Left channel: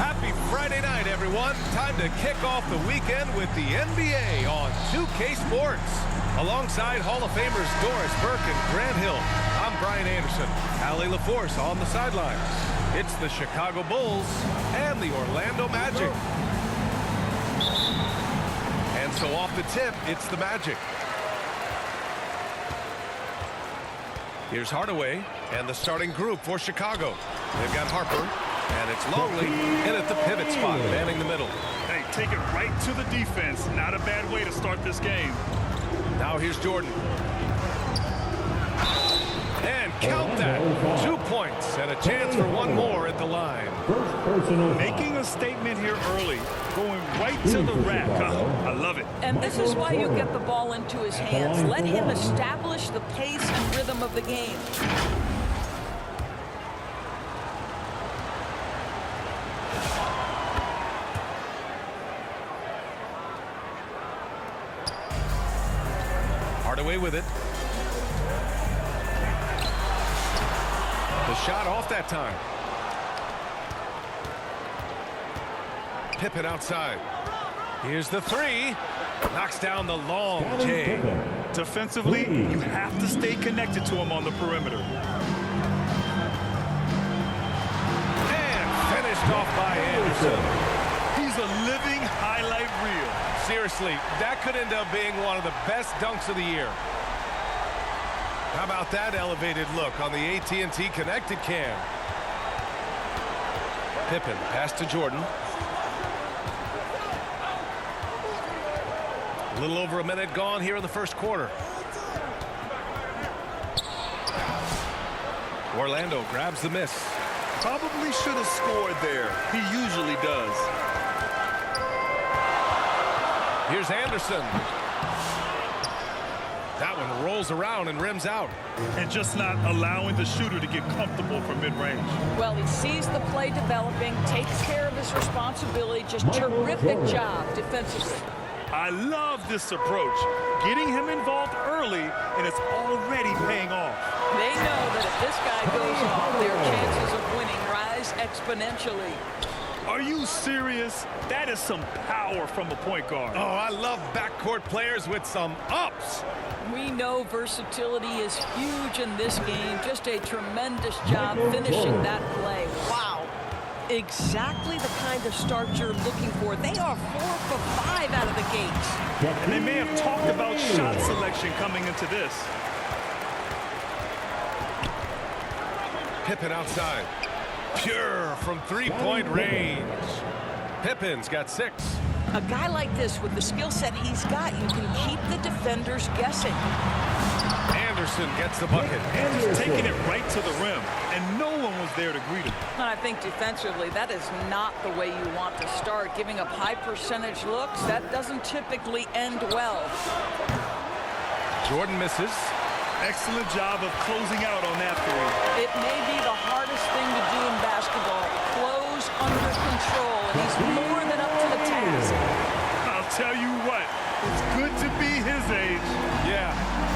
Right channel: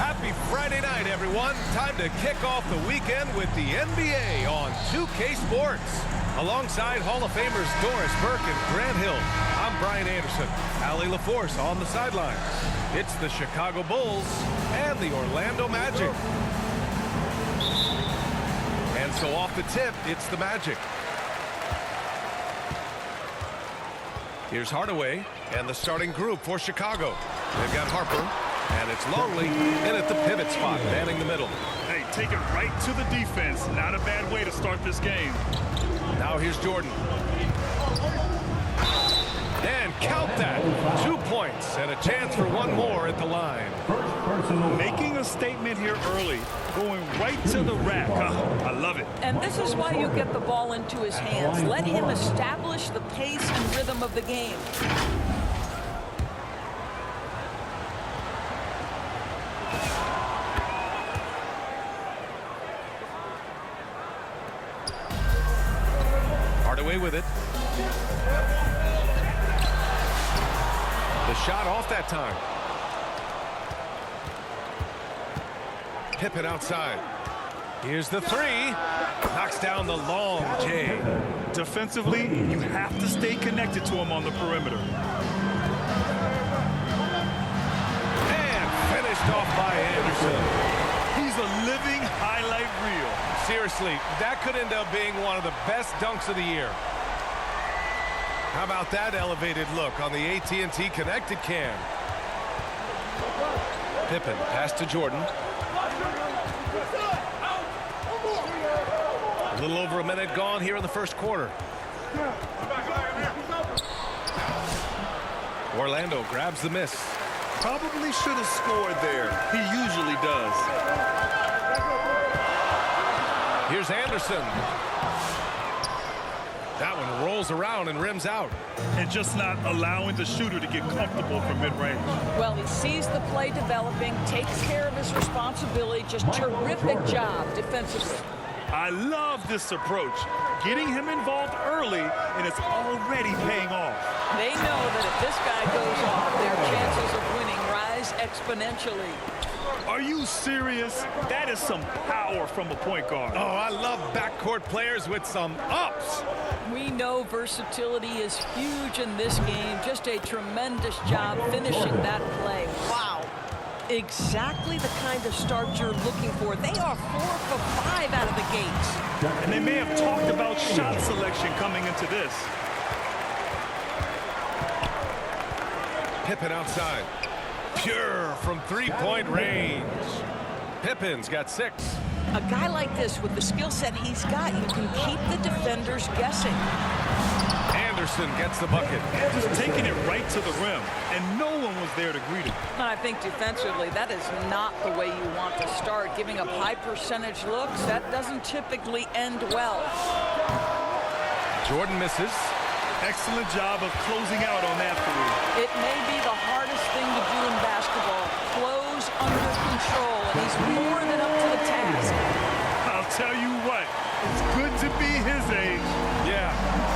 Happy Friday night, everyone. Time to kick off the weekend with the NBA on 2K Sports. Alongside Hall of Famers Doris Burke and Grant Hill, I'm Brian Anderson. Allie LaForce on the sidelines. It's the Chicago Bulls and the Orlando Magic. And so off the tip, it's the Magic. Here's Hardaway and the starting group for Chicago. They've got Harper, and it's Longley in at the pivot spot, manning the middle. Hey, take it right to the defense. Not a bad way to start this game. Now here's Jordan. And count that. 2 points and a chance for one more at the line. Making a statement here early. Going right to the rack. I love it. And this is why you get the ball into his hands. Let him establish the pace and rhythm of the game. Hardaway with it. The shot off that time. Pippen outside. Here's the three. Knocks down the long J. Defensively, you have to stay connected to him on the perimeter. And finished off by Anderson. He's a living highlight reel. Seriously, that could end up being one of the best dunks of the year. How about that elevated look on the AT&T connected cam? Pippen pass to Jordan. A little over a minute gone here in the first quarter. Orlando grabs the miss. Probably should have scored there. He usually does. Here's Anderson. That one rolls around and rims out. And just not allowing the shooter to get comfortable from mid-range. Well, he sees the play developing, takes care of his responsibility. Just terrific job defensively. I love this approach. Getting him involved early, and it's already paying off. They know that if this guy goes off, their chances of winning rise exponentially. Are you serious? That is some power from a point guard. Oh, I love backcourt players with some ups. We know versatility is huge in this game. Just a tremendous job finishing that play. Wow. Exactly the kind of start you're looking for. They are 4 for 5 out of the gates. And they may have talked about shot selection coming into this. Pippen outside. Pure from three-point range. Pippen's got 6. A guy like this with the skill set he's got, you can keep the defenders guessing. Anderson gets the bucket. Just taking it right to the rim, and no one was there to greet him. And I think defensively, that is not the way you want to start. Giving up high percentage looks, that doesn't typically end well. Jordan misses. Excellent job of closing out on that three. It may be the hardest thing to do in basketball. Close under control, and he's more than up to the task. I'll tell you what, it's good to be his age. Yeah,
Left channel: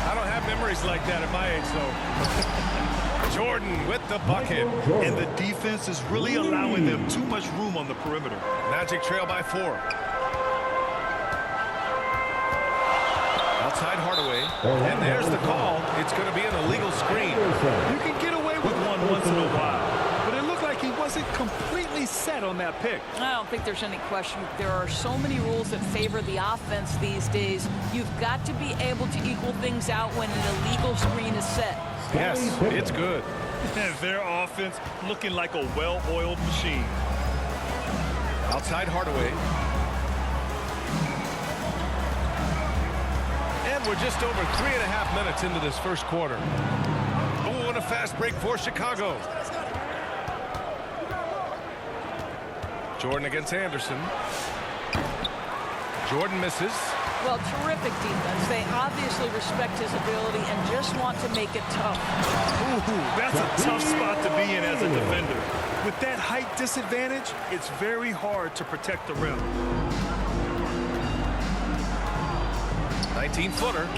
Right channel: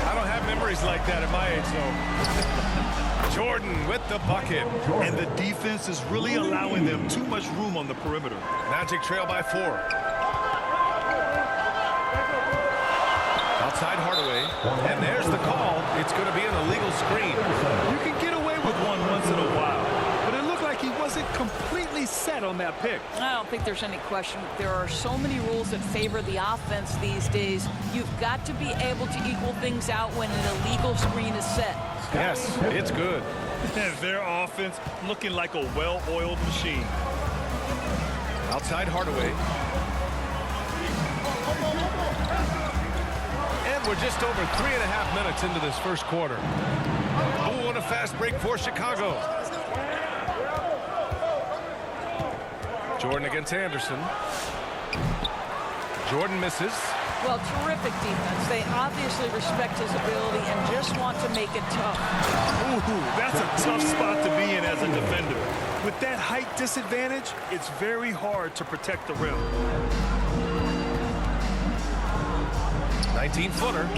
I don't have memories like that at my age, though. Jordan with the bucket. And the defense is really allowing them too much room on the perimeter. Magic trail by 4. Outside Hardaway, and there's the call. It's going to be an illegal screen. You can get away with one once in a while, but it looked like he wasn't completely set on that pick. I don't think there's any question. There are so many rules that favor the offense these days. You've got to be able to equal things out when an illegal screen is set. Yes, it's good. Their offense looking like a well-oiled machine. Outside Hardaway. And we're just over 3.5 minutes into this first quarter. Oh, and a fast break for Chicago. Jordan against Anderson. Jordan misses. Well, terrific defense. They obviously respect his ability and just want to make it tough. Ooh, that's a tough spot to be in as a defender. With that height disadvantage, it's very hard to protect the rim. 19-footer.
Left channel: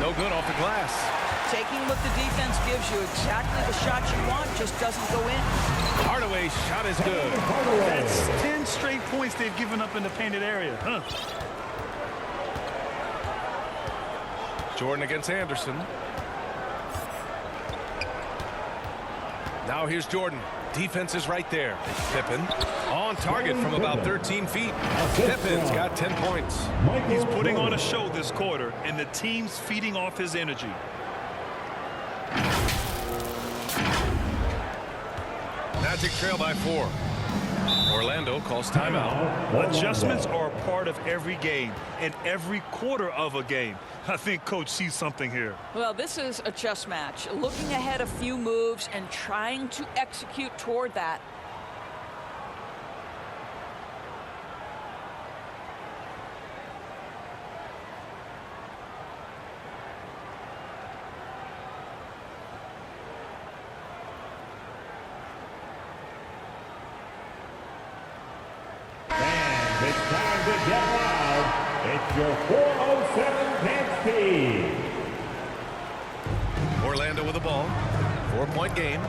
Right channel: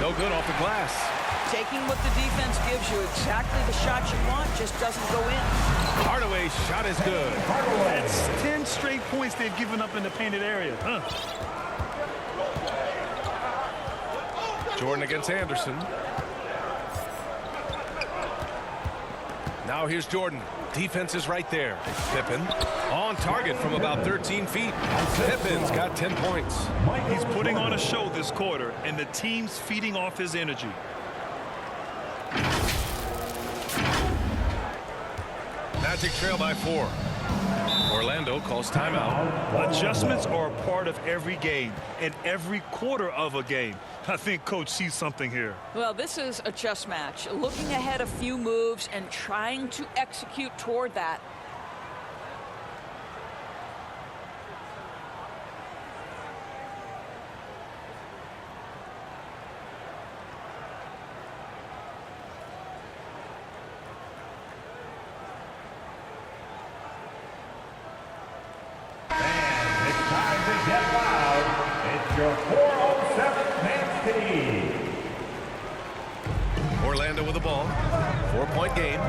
No good off the glass. Taking what the defense gives you, exactly the shot you want, just doesn't go in. Hardaway's shot is good. That's 10 straight points they've given up in the painted area. Jordan against Anderson. Now here's Jordan. Defense is right there. Pippen on target from about 13 feet. Pippen's got 10 points. He's putting on a show this quarter, and the team's feeding off his energy. Magic trail by 4. Orlando calls timeout. Adjustments are a part of every game and every quarter of a game. I think Coach sees something here. Well, this is a chess match. Looking ahead a few moves and trying to execute toward that. Time to get loud. It's your 407 dance team. Orlando with the ball. 4-point game.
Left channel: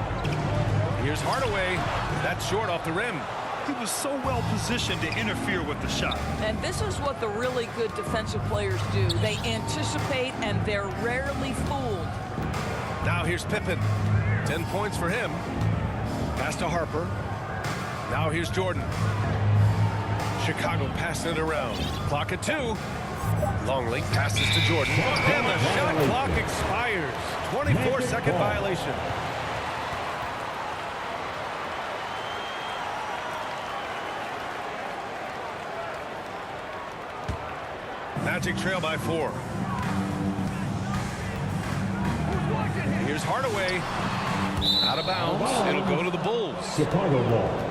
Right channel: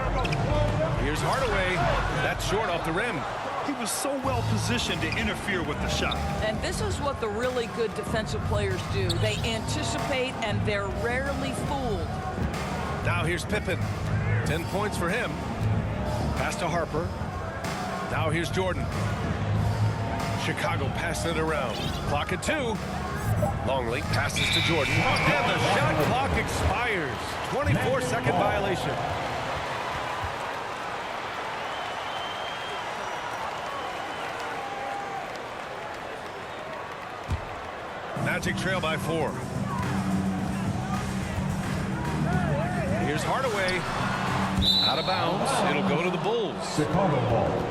Here's Hardaway. That's short off the rim. He was so well positioned to interfere with the shot. And this is what the really good defensive players do. They anticipate and they're rarely fooled. Now here's Pippen. 10 points for him. Pass to Harper. Now here's Jordan. Chicago passing it around. Clock at 2. Longley passes to Jordan. And the shot clock expires. 24-second violation. Magic trail by 4. Here's Hardaway. Out of bounds. It'll go to the Bulls. Chicago ball.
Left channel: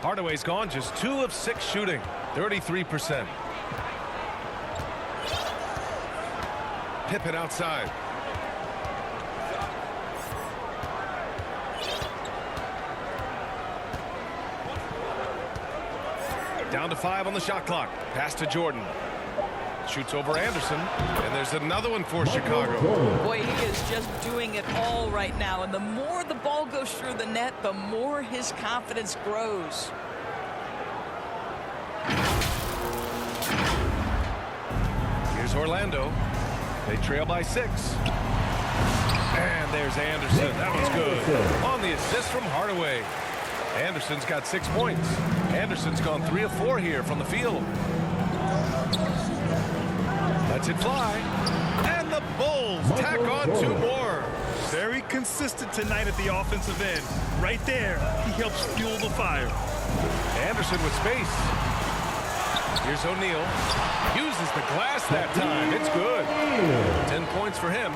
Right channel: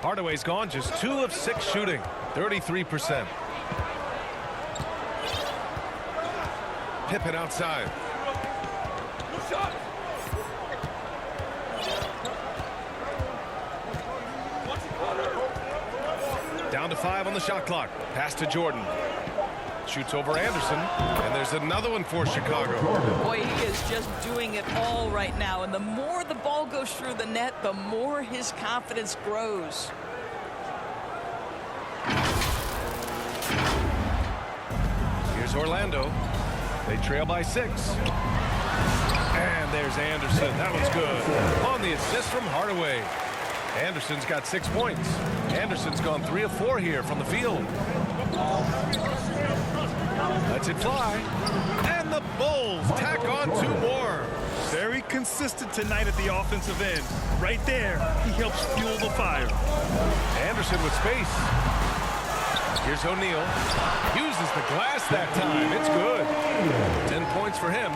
Hardaway's gone, just 2 of 6 shooting, 33%. Pippen outside. Down to 5 on the shot clock. Pass to Jordan. Shoots over Anderson, and there's another one for Chicago. Boy, he is just doing it all right now, and the more the ball goes through the net, the more his confidence grows. Here's Orlando. They trail by 6. And there's Anderson. That one's good. On the assist from Hardaway. Anderson's got 6 points. Anderson's gone 3 of 4 here from the field. Lets it fly. And the Bulls tack on 2 more. Very consistent tonight at the offensive end. Right there, he helps fuel the fire. Anderson with space. Here's O'Neal. Uses the glass that time. It's good. 10 points for him.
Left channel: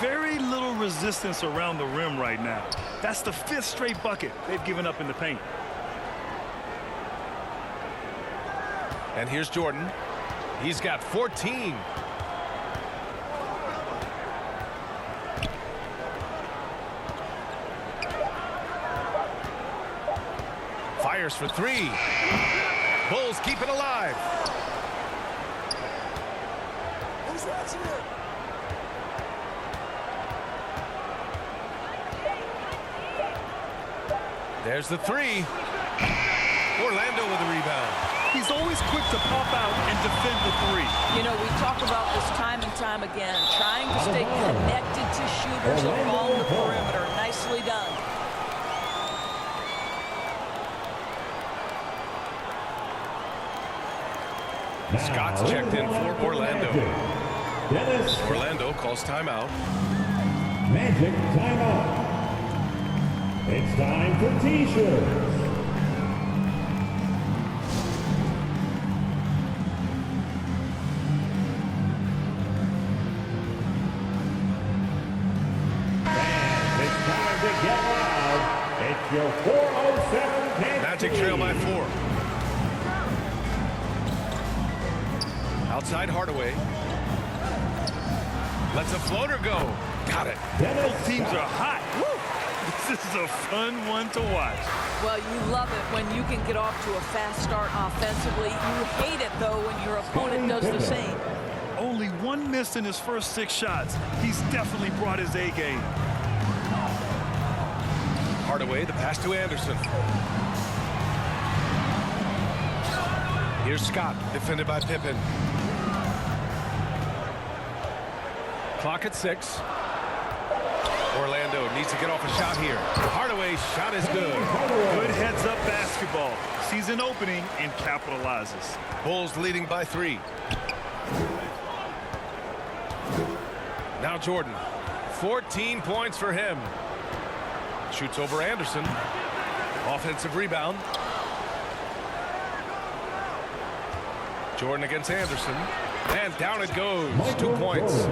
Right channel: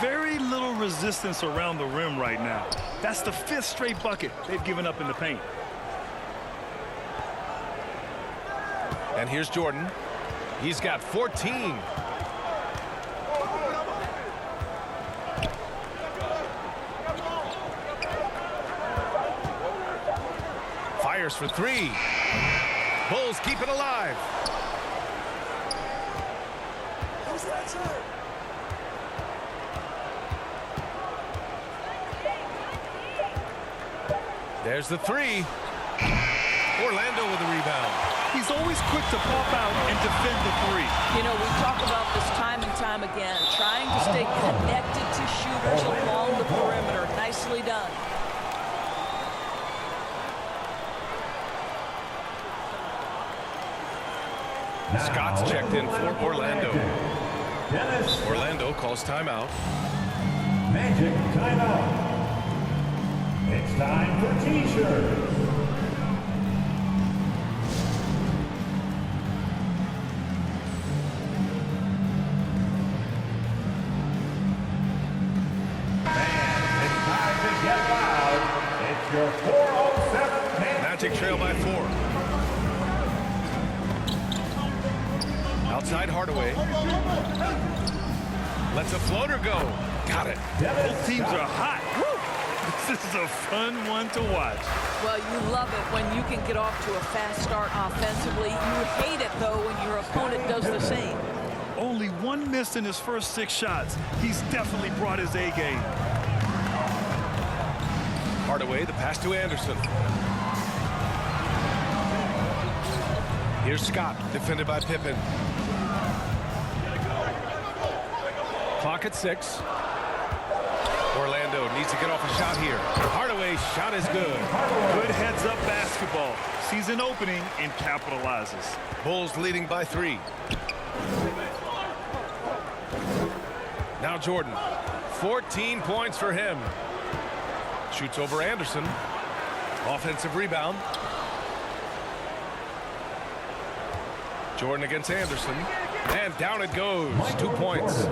Very little resistance around the rim right now. That's the 5th straight bucket they've given up in the paint. And here's Jordan. He's got 14. Fires for 3. Bulls keep it alive. Who's watching it? There's the 3. Orlando with the rebound. He's always quick to pop out and defend the 3. You know, we talk about this time and time again, trying to stay connected to shooters along the perimeter. Nicely done. Scott's checked in for Orlando. Dennis. Orlando calls timeout. Magic timeout. It's time for T-shirts. And it's time to get loud. It's your 407 Magic trail by 4. Outside Hardaway. Lets a floater go. Got it. Both teams are hot. Woo! This is a fun one to watch. Well, you love it when you can get off to a fast start offensively. You hate it, though, when your opponent does the same. Only one miss in his first 6 shots. He's definitely brought his A game. Hardaway, the pass to Anderson. Here's Scott, defended by Pippen. Clock at 6. Orlando needs to get off a shot here. Hardaway's shot is good. Good heads-up basketball. Sees an opening and capitalizes. Bulls leading by 3. Now Jordan. 14 points for him. Shoots over Anderson. Offensive rebound. Jordan against Anderson. And down it goes. 2 points.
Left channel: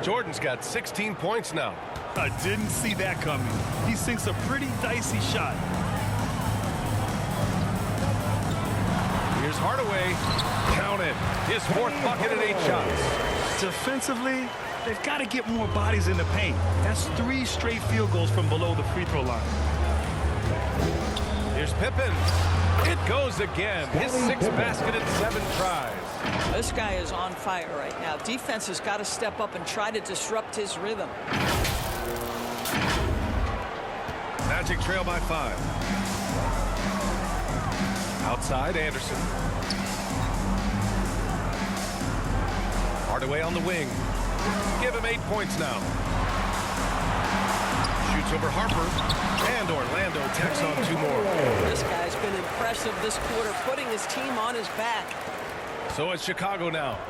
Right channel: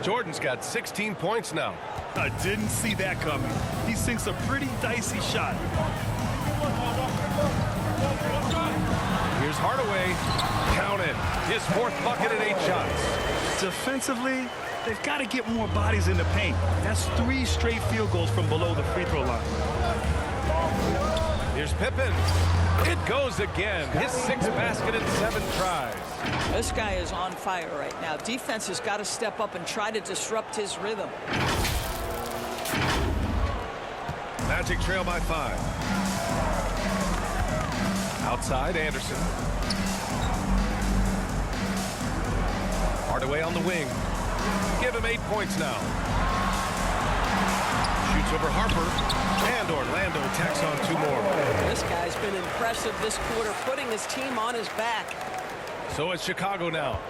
Jordan's got 16 points now. I didn't see that coming. He sinks a pretty dicey shot. Here's Hardaway. Count it. His 4th bucket at 8 shots. Defensively, they've got to get more bodies in the paint. That's 3 straight field goals from below the free throw line. Here's Pippen. It goes again. His 6th basket in 7 tries. This guy is on fire right now. Defense has got to step up and try to disrupt his rhythm. Magic trail by 5. Outside, Anderson. Hardaway on the wing. Give him 8 points now. Shoots over Harper. And Orlando tacks on 2 more. This guy's been impressive this quarter, putting his team on his back. So it's Chicago now.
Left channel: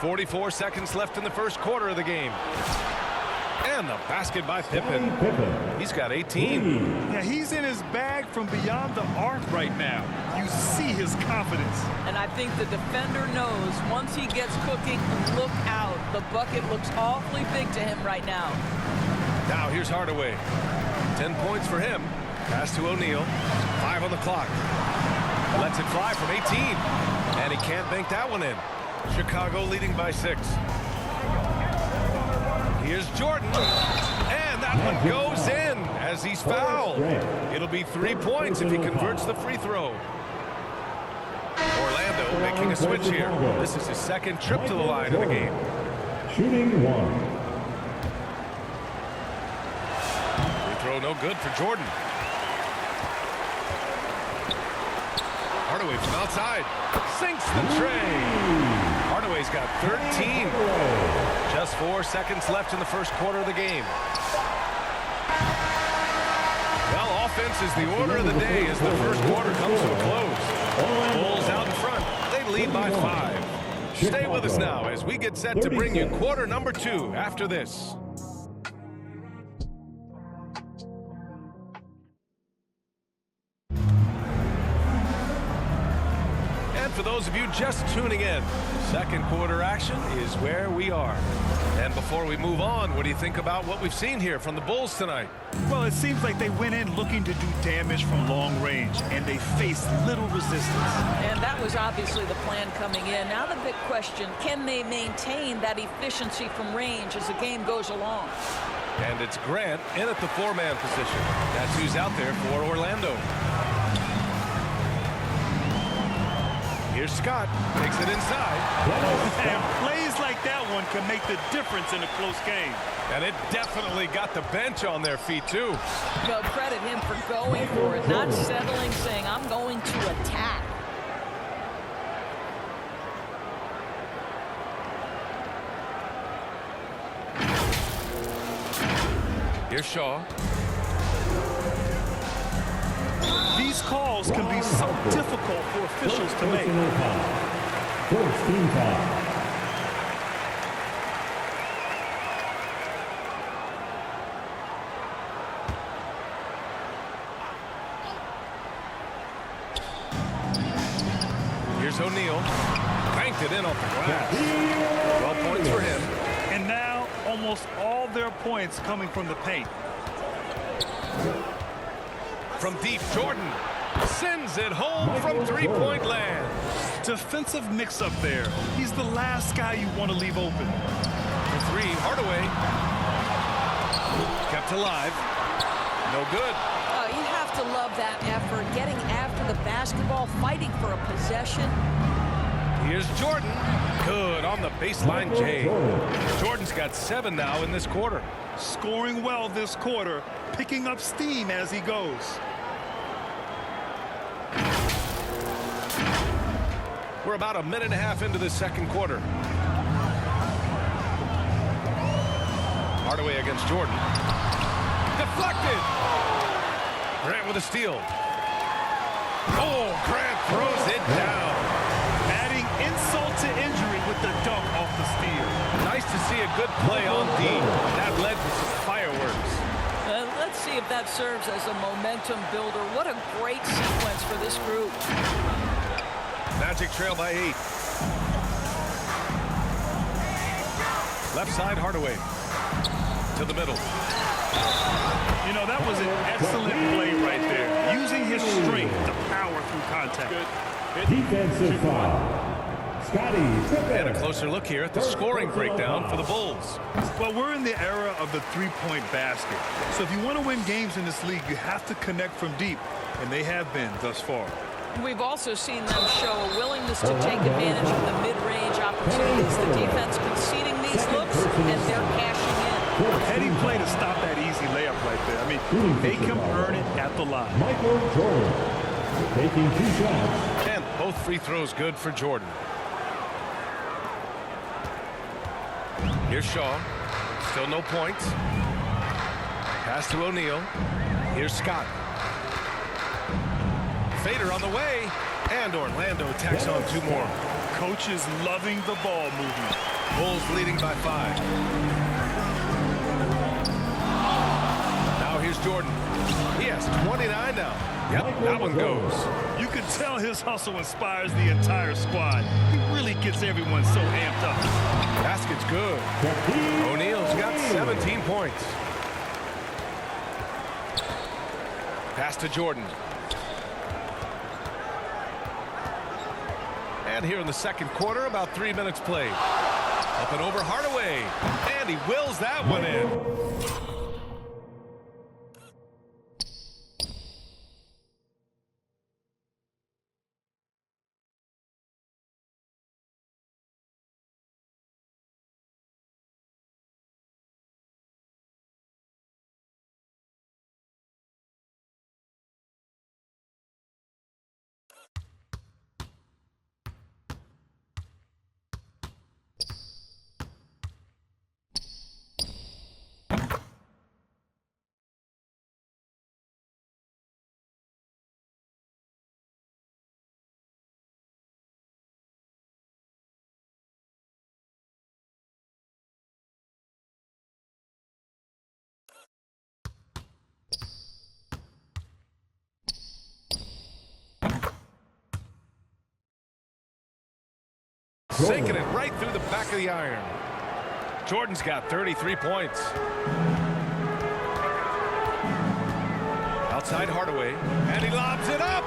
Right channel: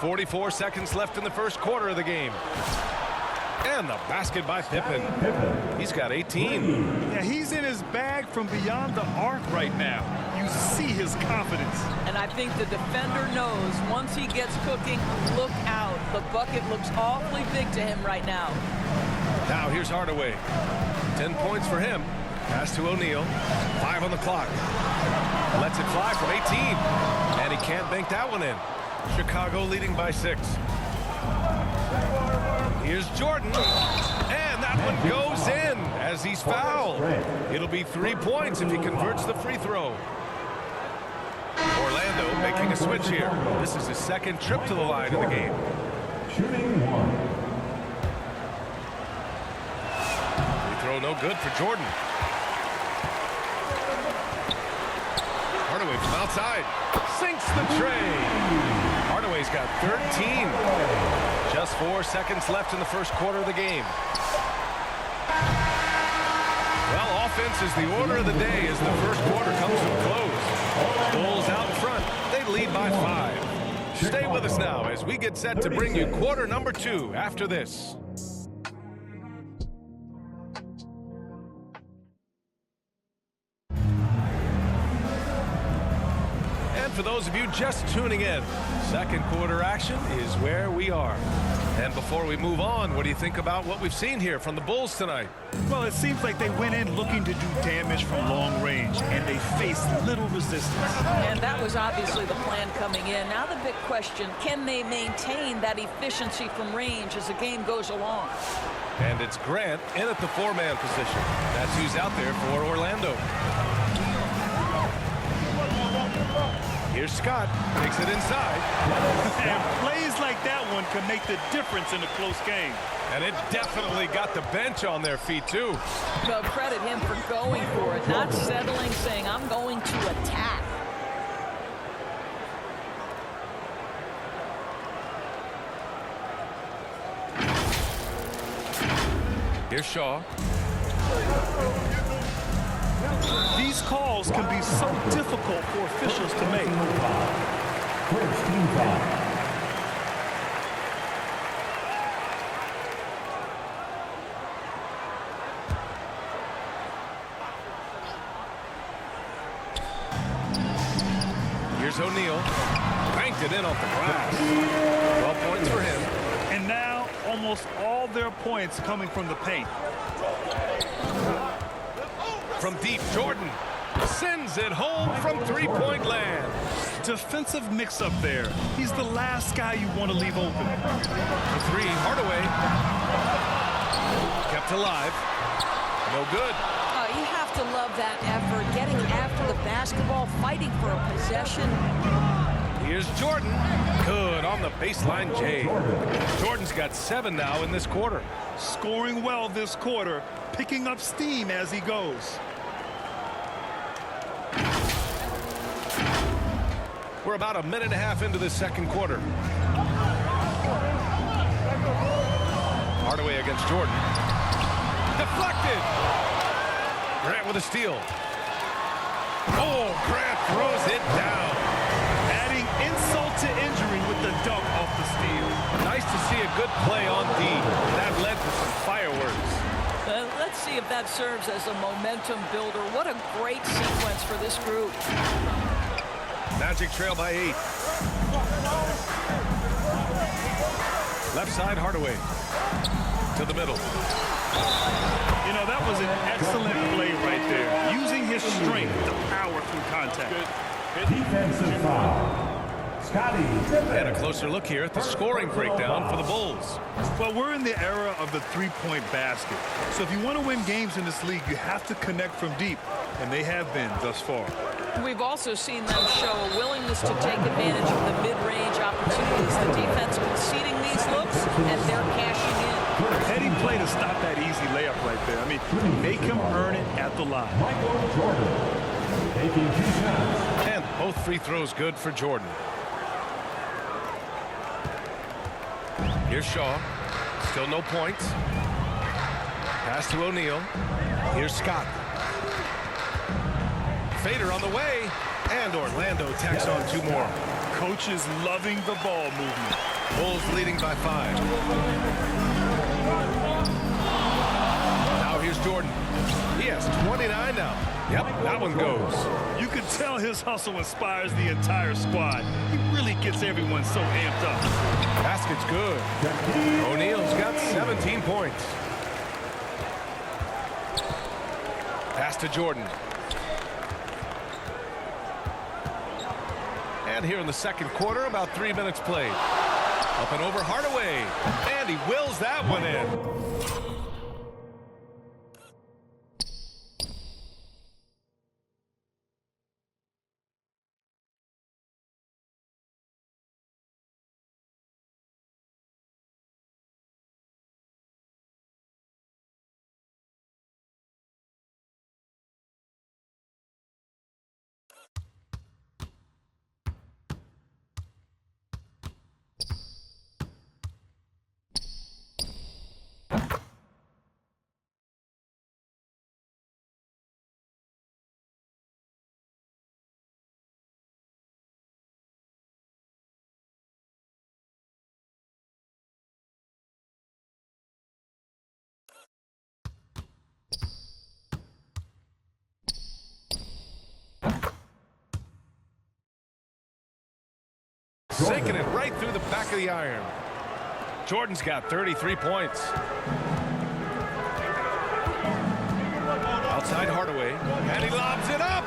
44 seconds left in the first quarter of the game. And the basket by Pippen. He's got 18. Yeah, he's in his bag from beyond the arc right now. You see his confidence. And I think the defender knows once he gets cooking, look out. The bucket looks awfully big to him right now. Now here's Hardaway. 10 points for him. Pass to O'Neal. 5 on the clock. Lets it fly from 18. And he can't bank that one in. Chicago leading by 6. Here's Jordan. And that one goes in as he's fouled. It'll be 3 points if he converts the free throw. Orlando making a switch here. This is his 2nd trip to the line of the game. Shooting 1. Free throw no good for Jordan. Hardaway from outside. Sinks the tray. Hardaway's got 13. Just 4 seconds left in the first quarter of the game. Well, offense is the order of the day as the first quarter comes to a close. Bulls out in front. They lead by 5. Stay with us now as we get set to bring you quarter number 2 after this. And for those of you just tuning in, second quarter action is where we are. And before we move on, what do you think about what we've seen here from the Bulls tonight? Well, it seems like they went in looking to do damage from long range, and they faced little resistance. And that was obviously the plan coming in. Now the big question, can they maintain that efficiency from range as the game goes along? And it's Grant in at the 4-man position. That's who's out there for Orlando. Here's Scott, takes it inside. And plays like that one can make the difference in a close game. And it definitely got the bench on their feet, too. Well, credit him for going for it, not settling, saying, I'm going to attack. Here's Shaw. These calls can be so difficult for officials to make. First team foul. Here's O'Neal. Banked it in off the glass. 12 points for him. And now almost all their points coming from the paint. From deep, Jordan sends it home from three-point land. Defensive mix-up there. He's the last guy you want to leave open. For 3, Hardaway. Kept alive. No good. you have to love that effort, getting after the basketball, fighting for a possession. Here's Jordan. Good on the baseline, Jay. Jordan's got 7 now in this quarter. Scoring well this quarter, picking up steam as he goes. We're about a minute and a half into the second quarter. Hardaway against Jordan. Deflected. Grant with a steal. Oh, Grant throws it down. Adding insult to injury with the dunk off the steal. Nice to see a good play on D. That led to some fireworks. Let's see if that serves as a momentum builder. What a great sequence for this group. Magic trail by 8. Left side, Hardaway. To the middle. You know, that was an excellent play right there. Using his strength to power through contact. Defensive foul. Scotty Pippen. And a closer look here at the scoring breakdown for the Bulls. Well, we're in the era of the three-point basket. So if you want to win games in this league, you have to connect from deep. And they have been thus far. We've also seen them show a willingness to take advantage of the mid-range opportunities. The defense conceding these looks, and they're cashing in. Heady play to stop that easy layup right there. I mean, make him earn it at the line. Michael Jordan taking 2 shots. And both free throws good for Jordan. Here's Shaw. Still no points. Pass to O'Neal. Here's Scott. Fader on the way. And Orlando tacks on 2 more. Coach is loving the ball movement. Bulls leading by 5. Now here's Jordan. He has 29 now. Yep, that one goes. You can tell his hustle inspires the entire squad. He really gets everyone so amped up. Basket's good. O'Neal's got 17 points. Pass to Jordan. And here in the second quarter, about 3 minutes played. Up and over Hardaway. And he wills that one in. Sinking it right through the back of the iron. Jordan's got 33 points. Outside Hardaway, and he lobs it up.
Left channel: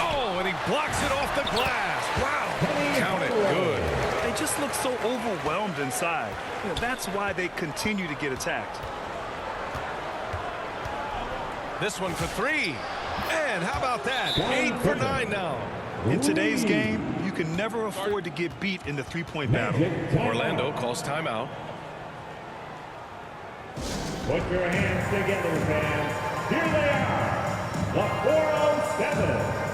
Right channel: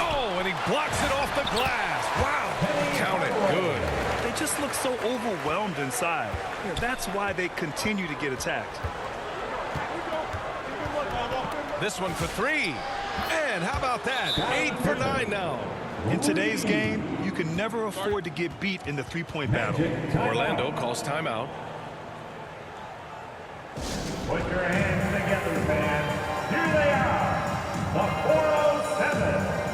Oh, and he blocks it off the glass. Wow, count it, good. They just look so overwhelmed inside. You know, that's why they continue to get attacked. This one for 3. And how about that? 8 for 9 now. In today's game, you can never afford to get beat in the three-point battle. Orlando calls timeout. Put your hands together, fans. Here they are, the 407.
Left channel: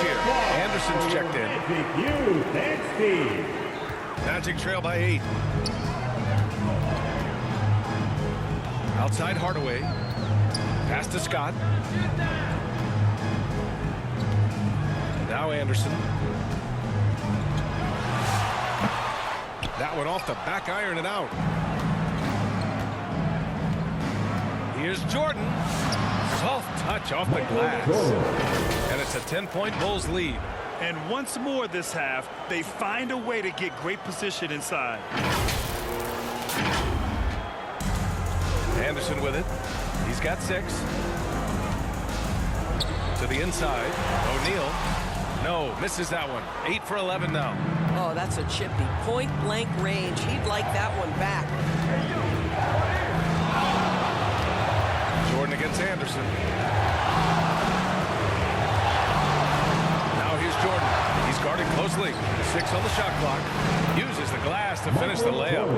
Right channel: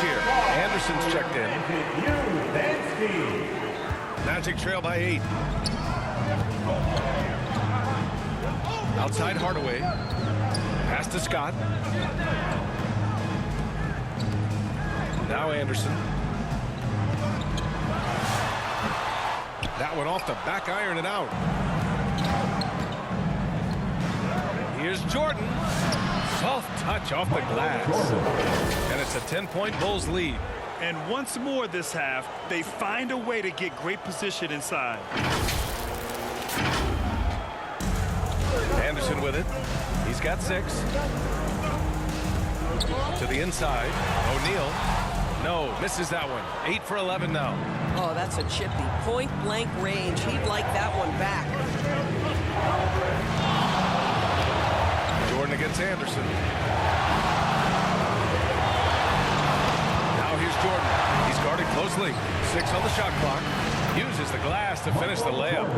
Here. Anderson's checked in. Magic trail by 8. Outside Hardaway. Pass to Scott. Now Anderson. That one off the back iron and out. Here's Jordan. Soft touch off the glass. And it's a 10-point Bulls lead. And once more this half, they find a way to get great position inside. Anderson with it. He's got 6. To the inside. O'Neal. No, misses that one. 8 for 11 now. Oh, that's a chippy. Point blank range. He'd like that one back. Jordan against Anderson. Now here's Jordan. He's guarded closely. 6 on the shot clock. Uses the glass to finish the layup.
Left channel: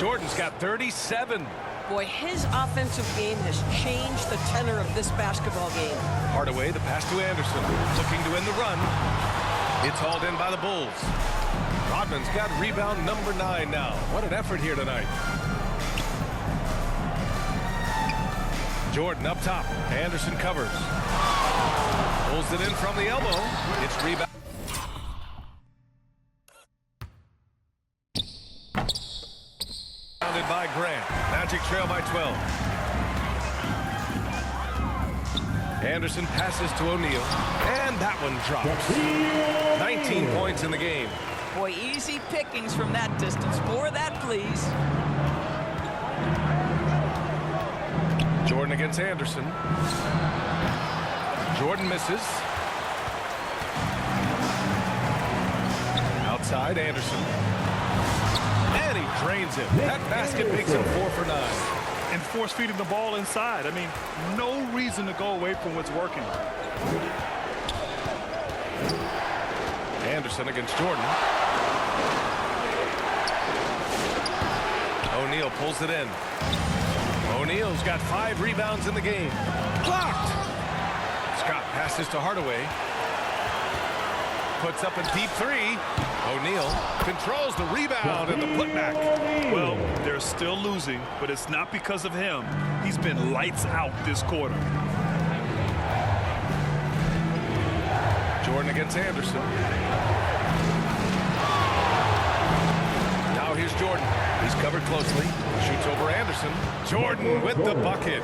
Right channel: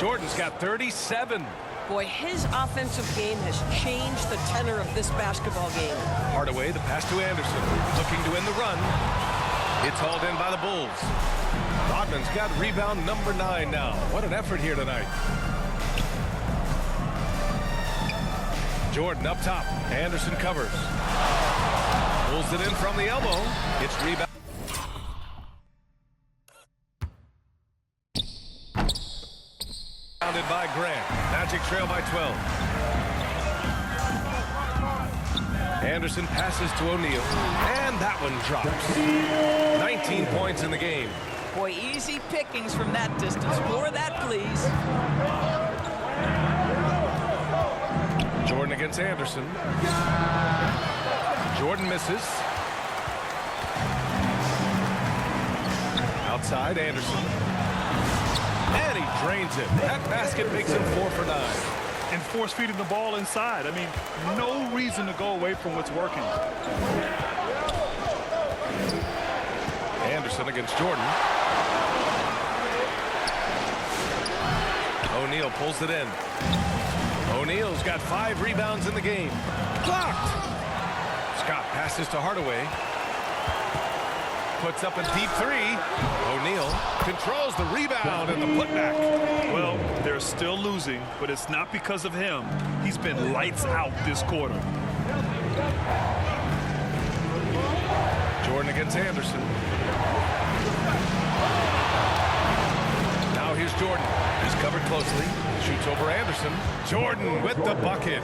Jordan's got 37. Boy, his offensive game has changed the tenor of this basketball game. Hardaway, the pass to Anderson. Looking to end the run. It's hauled in by the Bulls. Rodman's got rebound number 9 now. What an effort here tonight. Jordan up top. Anderson covers. Pulls it in from the elbow. It's rebound. By Grant. Magic trail by 12. Anderson passes to O'Neal. And that one drops. 19 points in the game. Boy, easy pickings from that distance. More of that, please. Jordan against Anderson. Jordan misses. Outside, Anderson. And he drains it. That basket makes him 4 for 9. And force feeding the ball inside. I mean, no reason to go away from what's working. Anderson against Jordan. O'Neal pulls it in. O'Neal's got 5 rebounds in the game. Blocked. Scott passes to Hardaway. Puts up a deep 3. O'Neal controls the rebound and the putback. Well, they're still losing, but it's not because of him. He's been lights out this quarter. Jordan against Anderson. Now here's Jordan. He's covered closely. Shoots over Anderson. Jordan with the bucket.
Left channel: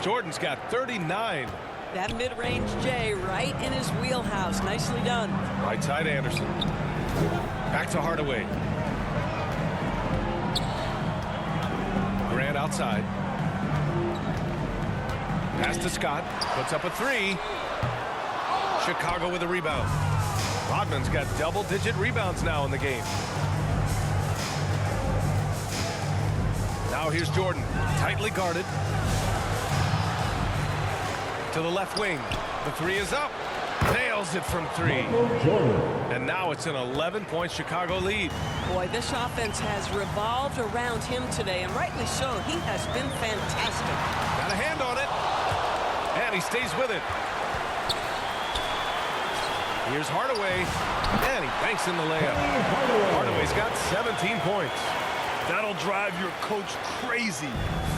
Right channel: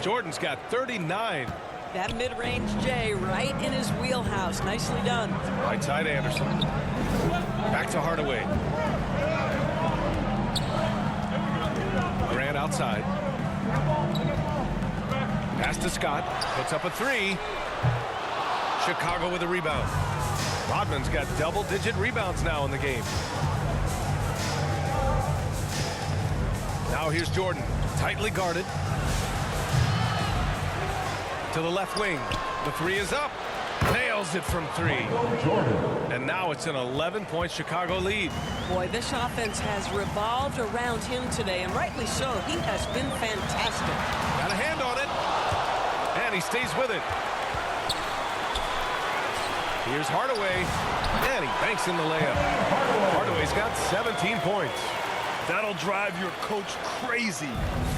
Jordan's got 39. That mid-range J right in his wheelhouse. Nicely done. Right side Anderson. Back to Hardaway. Grant outside. Pass to Scott. Puts up a 3. Chicago with a rebound. Rodman's got double-digit rebounds now in the game. Now here's Jordan. Tightly guarded. To the left wing. The 3 is up. Nails it from 3. And now it's an 11-point Chicago lead. Boy, this offense has revolved around him today, and rightly so. He has been fantastic. Got a hand on it. And he stays with it. Here's Hardaway. And he banks in the layup. Hardaway's got 17 points. That'll drive your coach crazy,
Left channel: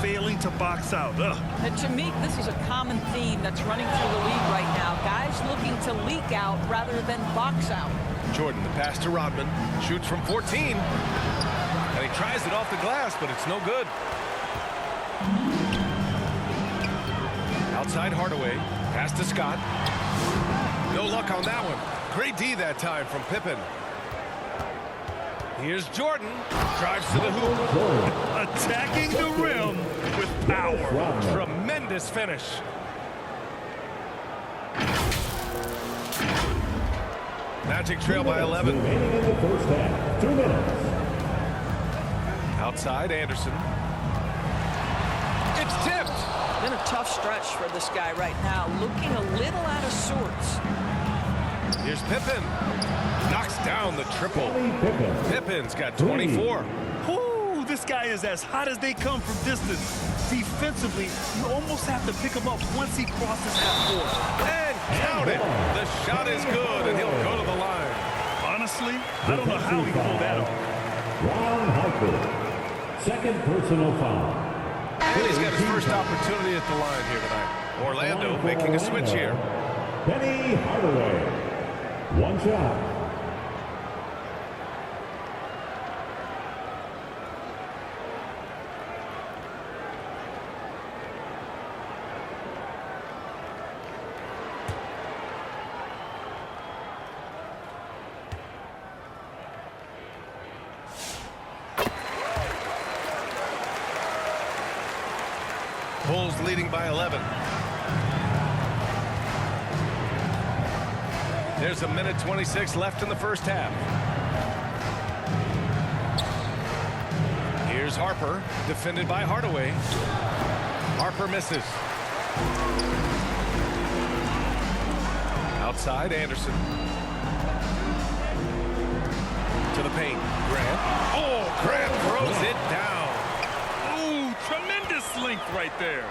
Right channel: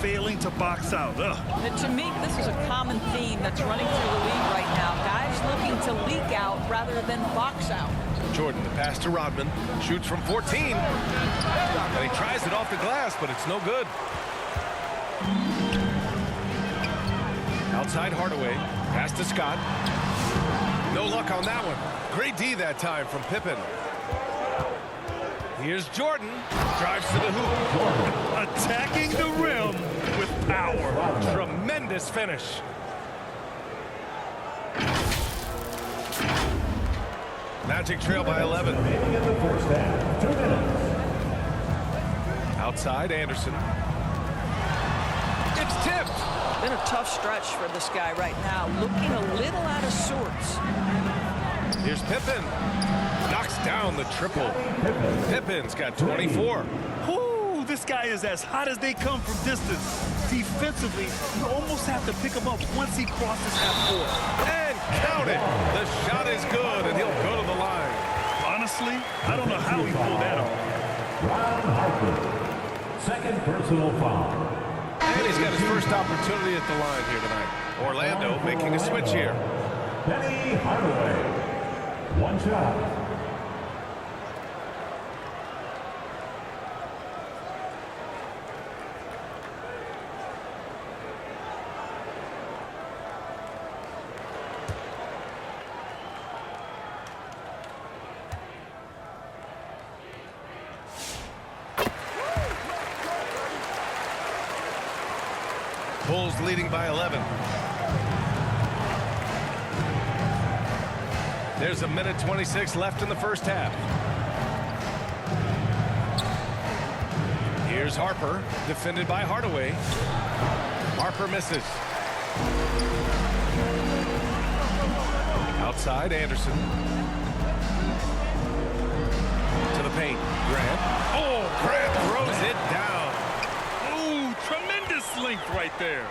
failing to box out. And to me, this is a common theme that's running through the league right now. Guys looking to leak out rather than box out. Jordan, the pass to Rodman. Shoots from 14. And he tries it off the glass, but it's no good. Outside Hardaway. Pass to Scott. No luck on that one. Great D that time from Pippen. Here's Jordan. Drives to the hoop. Attacking the rim with power. Tremendous finish. Magic trail by 11. Remaining in the first half. 2 minutes. Outside Anderson. It's tipped. Been a tough stretch for this guy right now. Looking a little out of sorts. Here's Pippen. Knocks down the triple. Pippen. Pippen's got 24. Whoo, this guy is as hot as they come from distance. Defensively, you almost have to pick him up once he crosses half court. And count it. The shot is good, and he'll go to the line. Honestly, I don't know how he pulled that off. Ron Harper. Second personal foul. And he's got his first opportunity at the line here tonight. Orlando making a switch here. Penny Hardaway. One shot. Eagles leading by 11. There's 1:26 left in the first half. Here's Harper, defended by Hardaway. Harper misses. Outside, Anderson. To the paint. Grant. Oh, Grant throws it down. Ooh, tremendous length right there.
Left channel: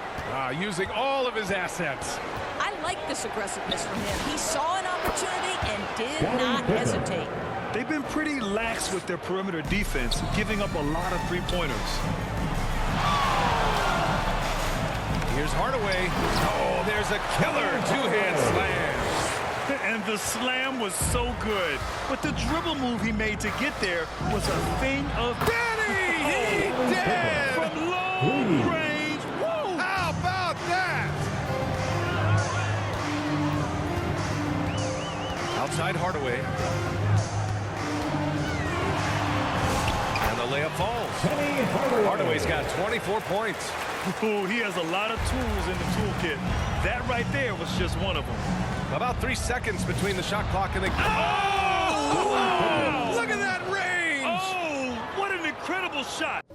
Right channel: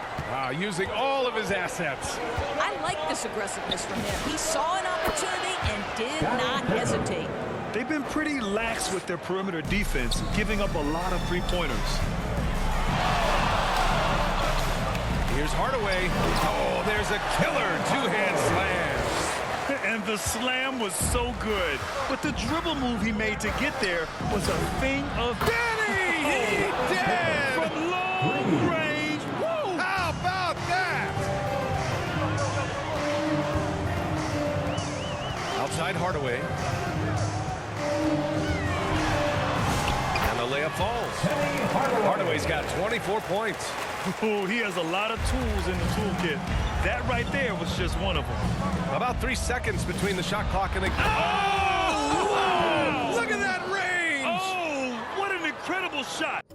Using all of his assets. I like this aggressiveness from him. He saw an opportunity and did not hesitate. They've been pretty lax with their perimeter defense, giving up a lot of three-pointers. Here's Hardaway. Oh, there's a killer two-hand slam. And the slam was so good. But the dribble move he made to get there was a thing of Benny! He did! From long range. Woo! How about that? Outside Hardaway. And the layup falls. Hardaway's got 24 points. Ooh, he has a lot of tools in the toolkit. That right there was just one of them. About 3 seconds between the shot clock and the... Oh! Wow! Look at that range! Oh, what an incredible shot.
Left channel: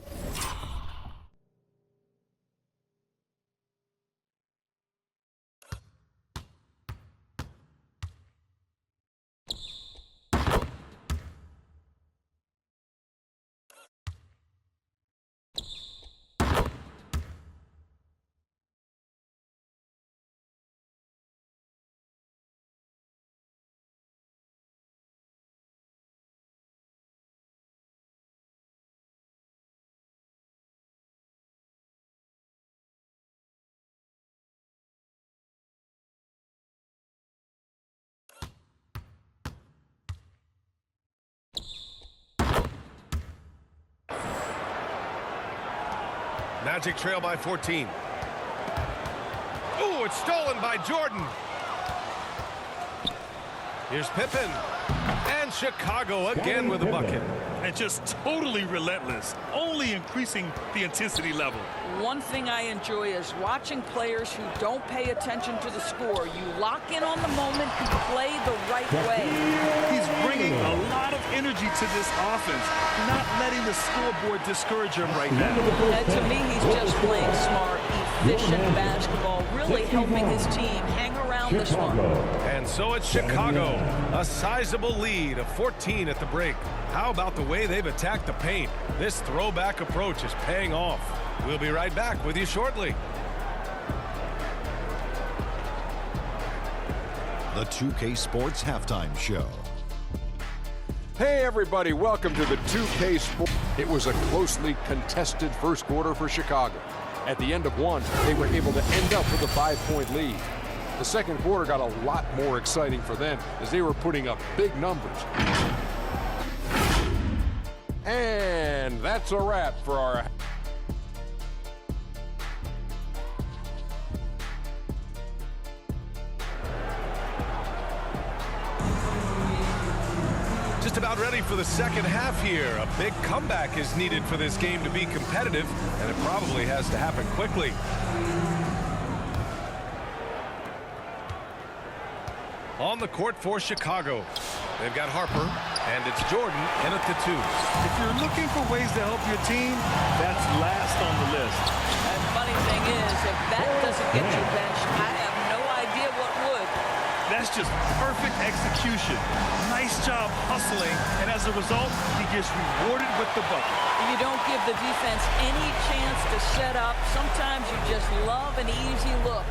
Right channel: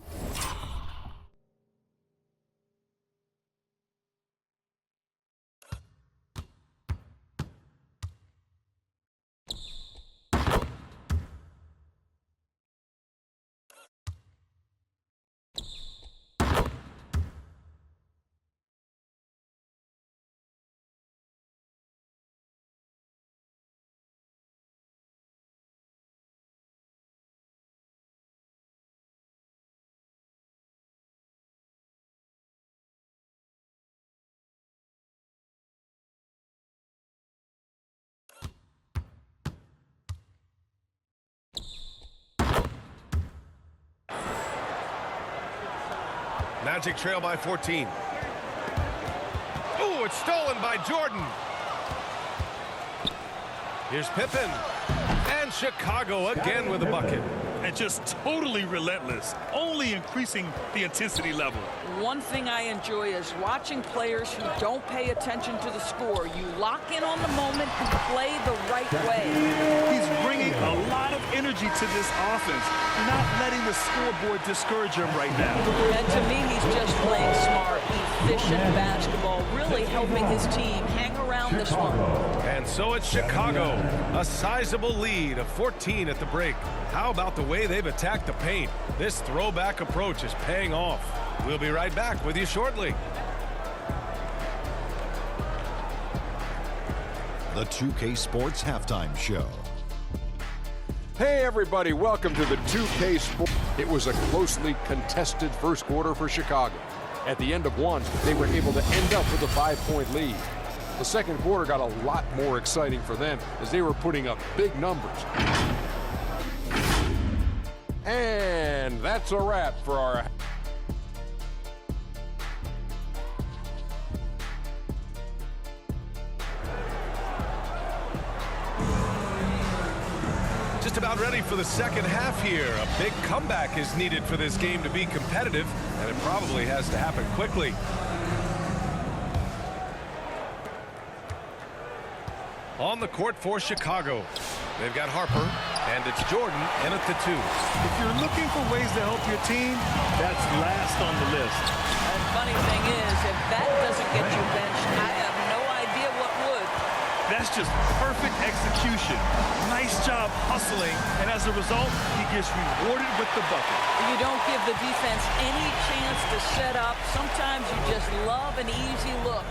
Magic trail by 14. Ooh, it's stolen by Jordan. Here's Pippen. And Chicago again with a bucket. And just totally relentless, only increasing the intensity level. One thing I enjoy is watching players who don't pay attention to the score. You lock in on the moment and play the right way. He's bringing a lot of energy to this offense, not letting the scoreboard discourage him right now. And to me, he's just playing smart, efficient basketball, really helping his team hang around this one. And so it's Chicago, a sizable lead of 14 at the break. How about the way they've attacked the paint? This throwback approach is paying off. We'll be right back with you shortly. The 2K Sports Halftime Show. Hey everybody, welcome to the 2K Sports. It was a closely contested first quarter for Chicago. At the end of one, they were able to end up with a 5-point lead. The second quarter got a lot more exciting for them as they were putting up big numbers. And that's a wrap for our... Just about ready for the second half here. A big comeback is needed for this game to be competitive, and it probably has to happen quickly. On the court for Chicago, they've got Harper, and it's Jordan in at the 2. If you're looking for ways to help your team, that's last on the list. And funny thing is, if that doesn't get you benched, I have no idea what would. That's just perfect execution. Nice job hustling, and as a result, he gets rewarded with the bucket. You don't give the defense any chance to set up. Sometimes you just love an easy look.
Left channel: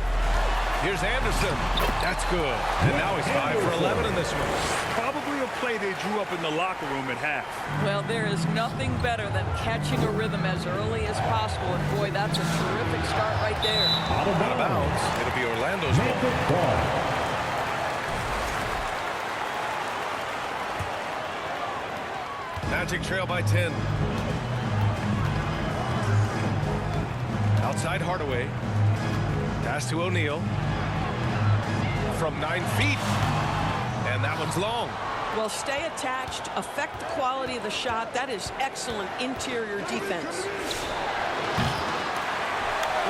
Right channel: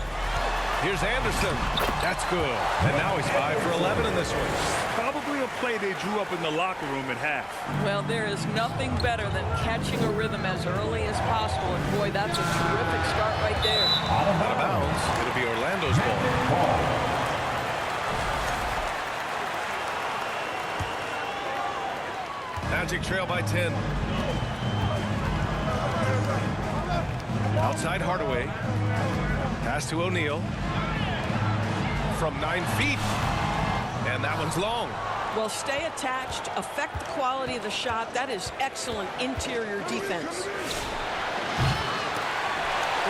Here's Anderson. That's good. And now he's 5 for 11 in this one. Probably a play they drew up in the locker room at half. Well, there is nothing better than catching a rhythm as early as possible. And boy, that's a terrific start right there. Out of bounds. It'll be Orlando's ball. Magic trail by 10. Outside Hardaway. Pass to O'Neal. From 9 feet. And that one's long. Well, stay attached, affect the quality of the shot. That is excellent interior defense.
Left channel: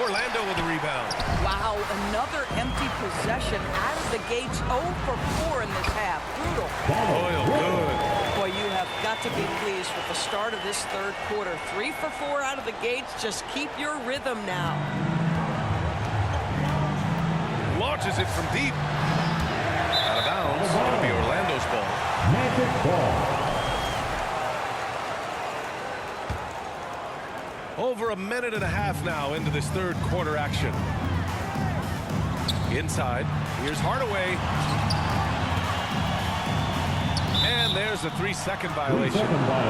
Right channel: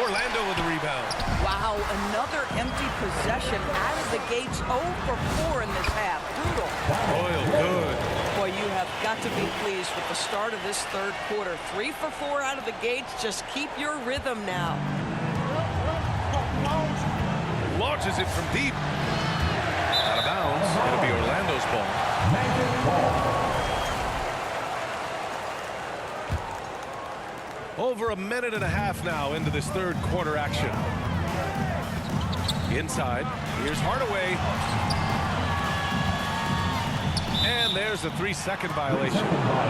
Orlando with the rebound. Wow, another empty possession out of the gates. 0 for 4 in this half. Brutal. Royal, good. Boy, you have got to be pleased with the start of this third quarter. 3 for 4 out of the gates. Just keep your rhythm now. Launches it from deep. Out of bounds. It'll be Orlando's ball. Magic ball. Over a minute and a half now into this third quarter action. Inside. Here's Hardaway. And there's a 3-second violation.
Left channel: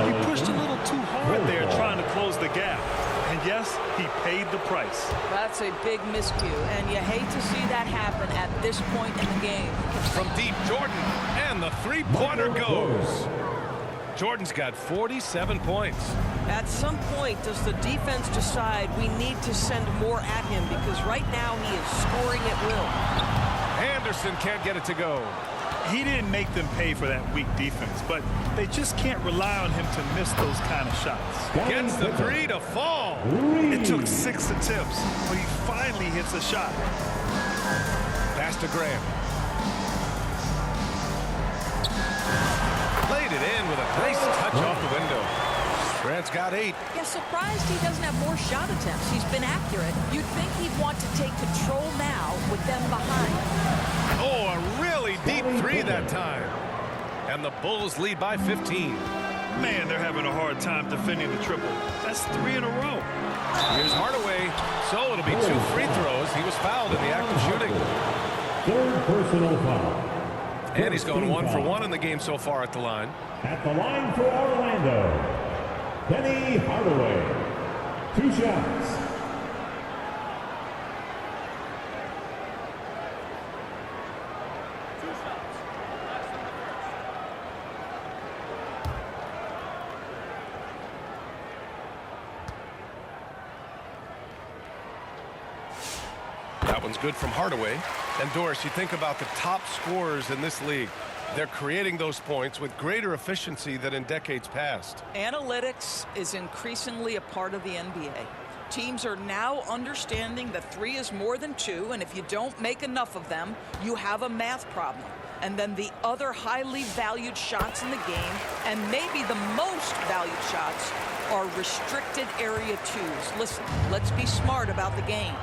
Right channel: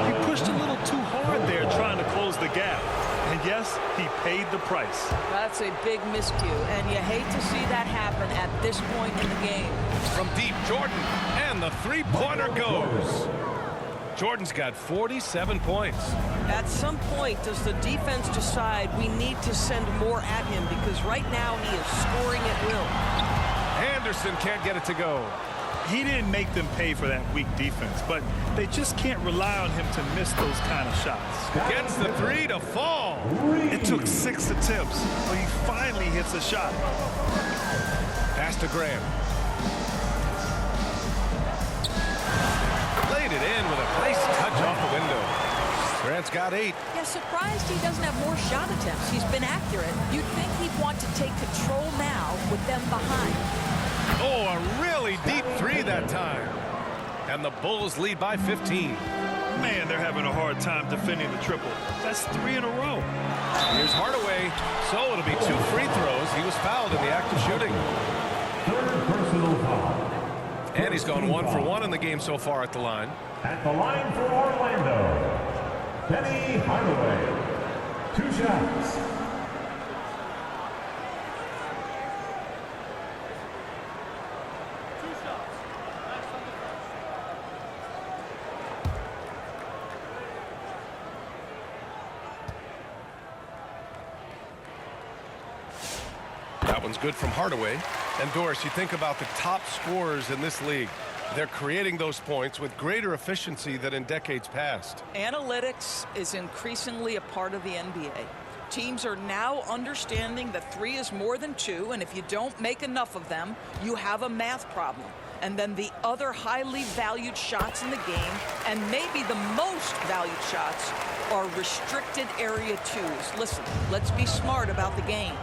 He pushed a little too hard there trying to close the gap. And yes, he paid the price. That's a big miscue, and you hate to see that happen at this point in the game. From deep, Jordan. And the three-pointer goes. Jordan's got 47 points. At some point, does the defense decide we need to send more at him? Because right now he is scoring at will. Anderson can't get it to go. He didn't make them pay for that weak defense, but they just can't rely on him to miss those kind of shots. Gets the 3 to fall. It took 6 attempts, but he finally hits a shot. Pass to Graham. Laid it in with a nice touch off the window. Grant's got 8. Yeah, surprised he doesn't have more shot attempts. He's been accurate. You'd think he'd want to take control now with them behind. Oh, a really deep 3 that time. And the Bulls lead by 15. Man, they're having a hard time defending the triple. That's 3 in a row. Here's Hardaway. So it'll be 2 free throws. He was fouled in the act of shooting. Third personal foul. And he's gone 1 for 1 in the game so far at the line. At the line for Orlando, Penny Hardaway. 2 shots. That one's good from Hardaway. And Doris, you think about the top scorers in this league. They're creating those points with greater efficiency than in decades past. Analytics is increasingly a part of the NBA. Teams are now understanding that 3 is more than 2, and if you don't make enough of them, you have a math problem. And then the other highly valued shots in the game, and maybe the most valued shots, are restricted area 2s. Listen, let's be smart about the game.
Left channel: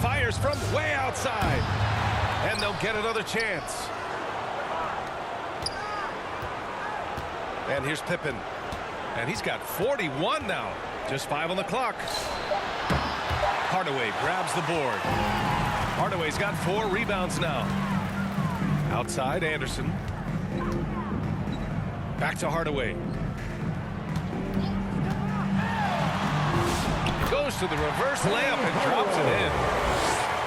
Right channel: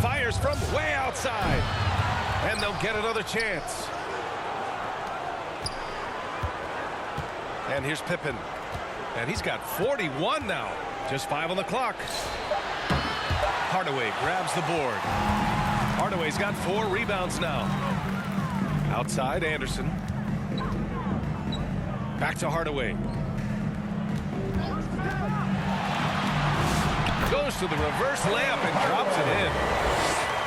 Fires from way outside. And they'll get another chance. And here's Pippen. And he's got 41 now. Just 5 on the clock. Hardaway grabs the board. Hardaway's got 4 rebounds now. Outside, Anderson. Back to Hardaway. Goes to the reverse layup and drops it in.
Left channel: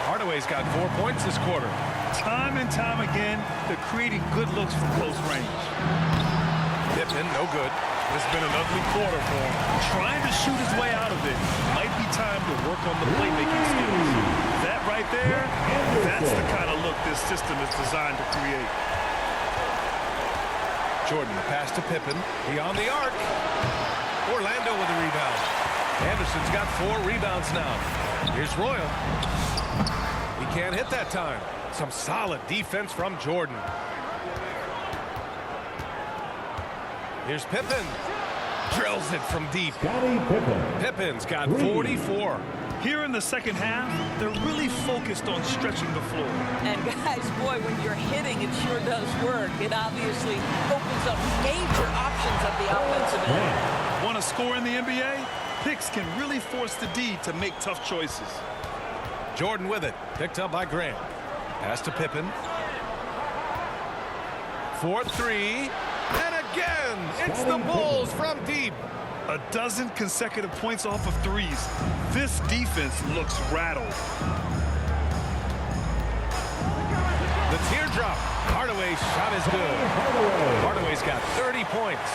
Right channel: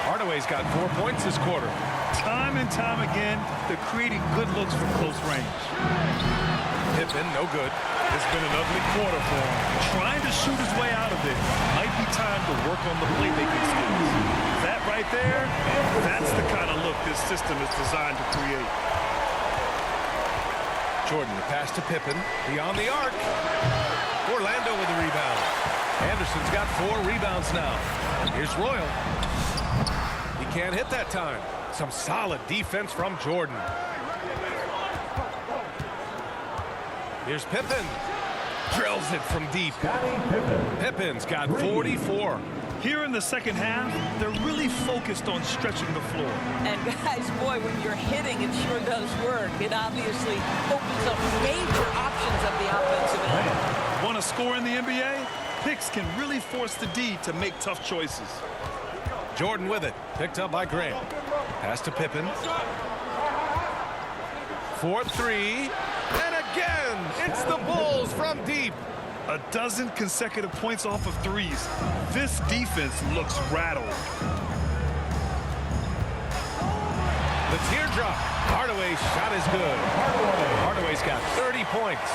Hardaway's got 4 points this quarter. Time and time again, they're creating good looks from close range. Pippen, no good. It's been an ugly quarter for him. Trying to shoot his way out of it. Might be time to work on the playmaking skills. That right there, that's the kind of look this system is designed to create. Jordan, the pass to Pippen. Beyond the arc. Orlando with the rebound. Anderson's got 4 rebounds now. Here's Royal. He can't hit that time. Some solid defense from Jordan. Here's Pippen. Drills it from deep. Pippen's got 44. Here in the second half, they're really focused on stretching the floor. And guys, boy, when you're hitting, it sure does work. It obviously opens up major options at the offensive end. Want to score in the NBA? Picks can really force the D to make tough choices. Jordan with it. Picked up by Grant. Pass to Pippen. 4-3. And again, it's the Bulls from deep. A dozen consecutive points off of threes. This defense looks rattled. The teardrop. Hardaway's shot is good. Hardaway's got 30 points.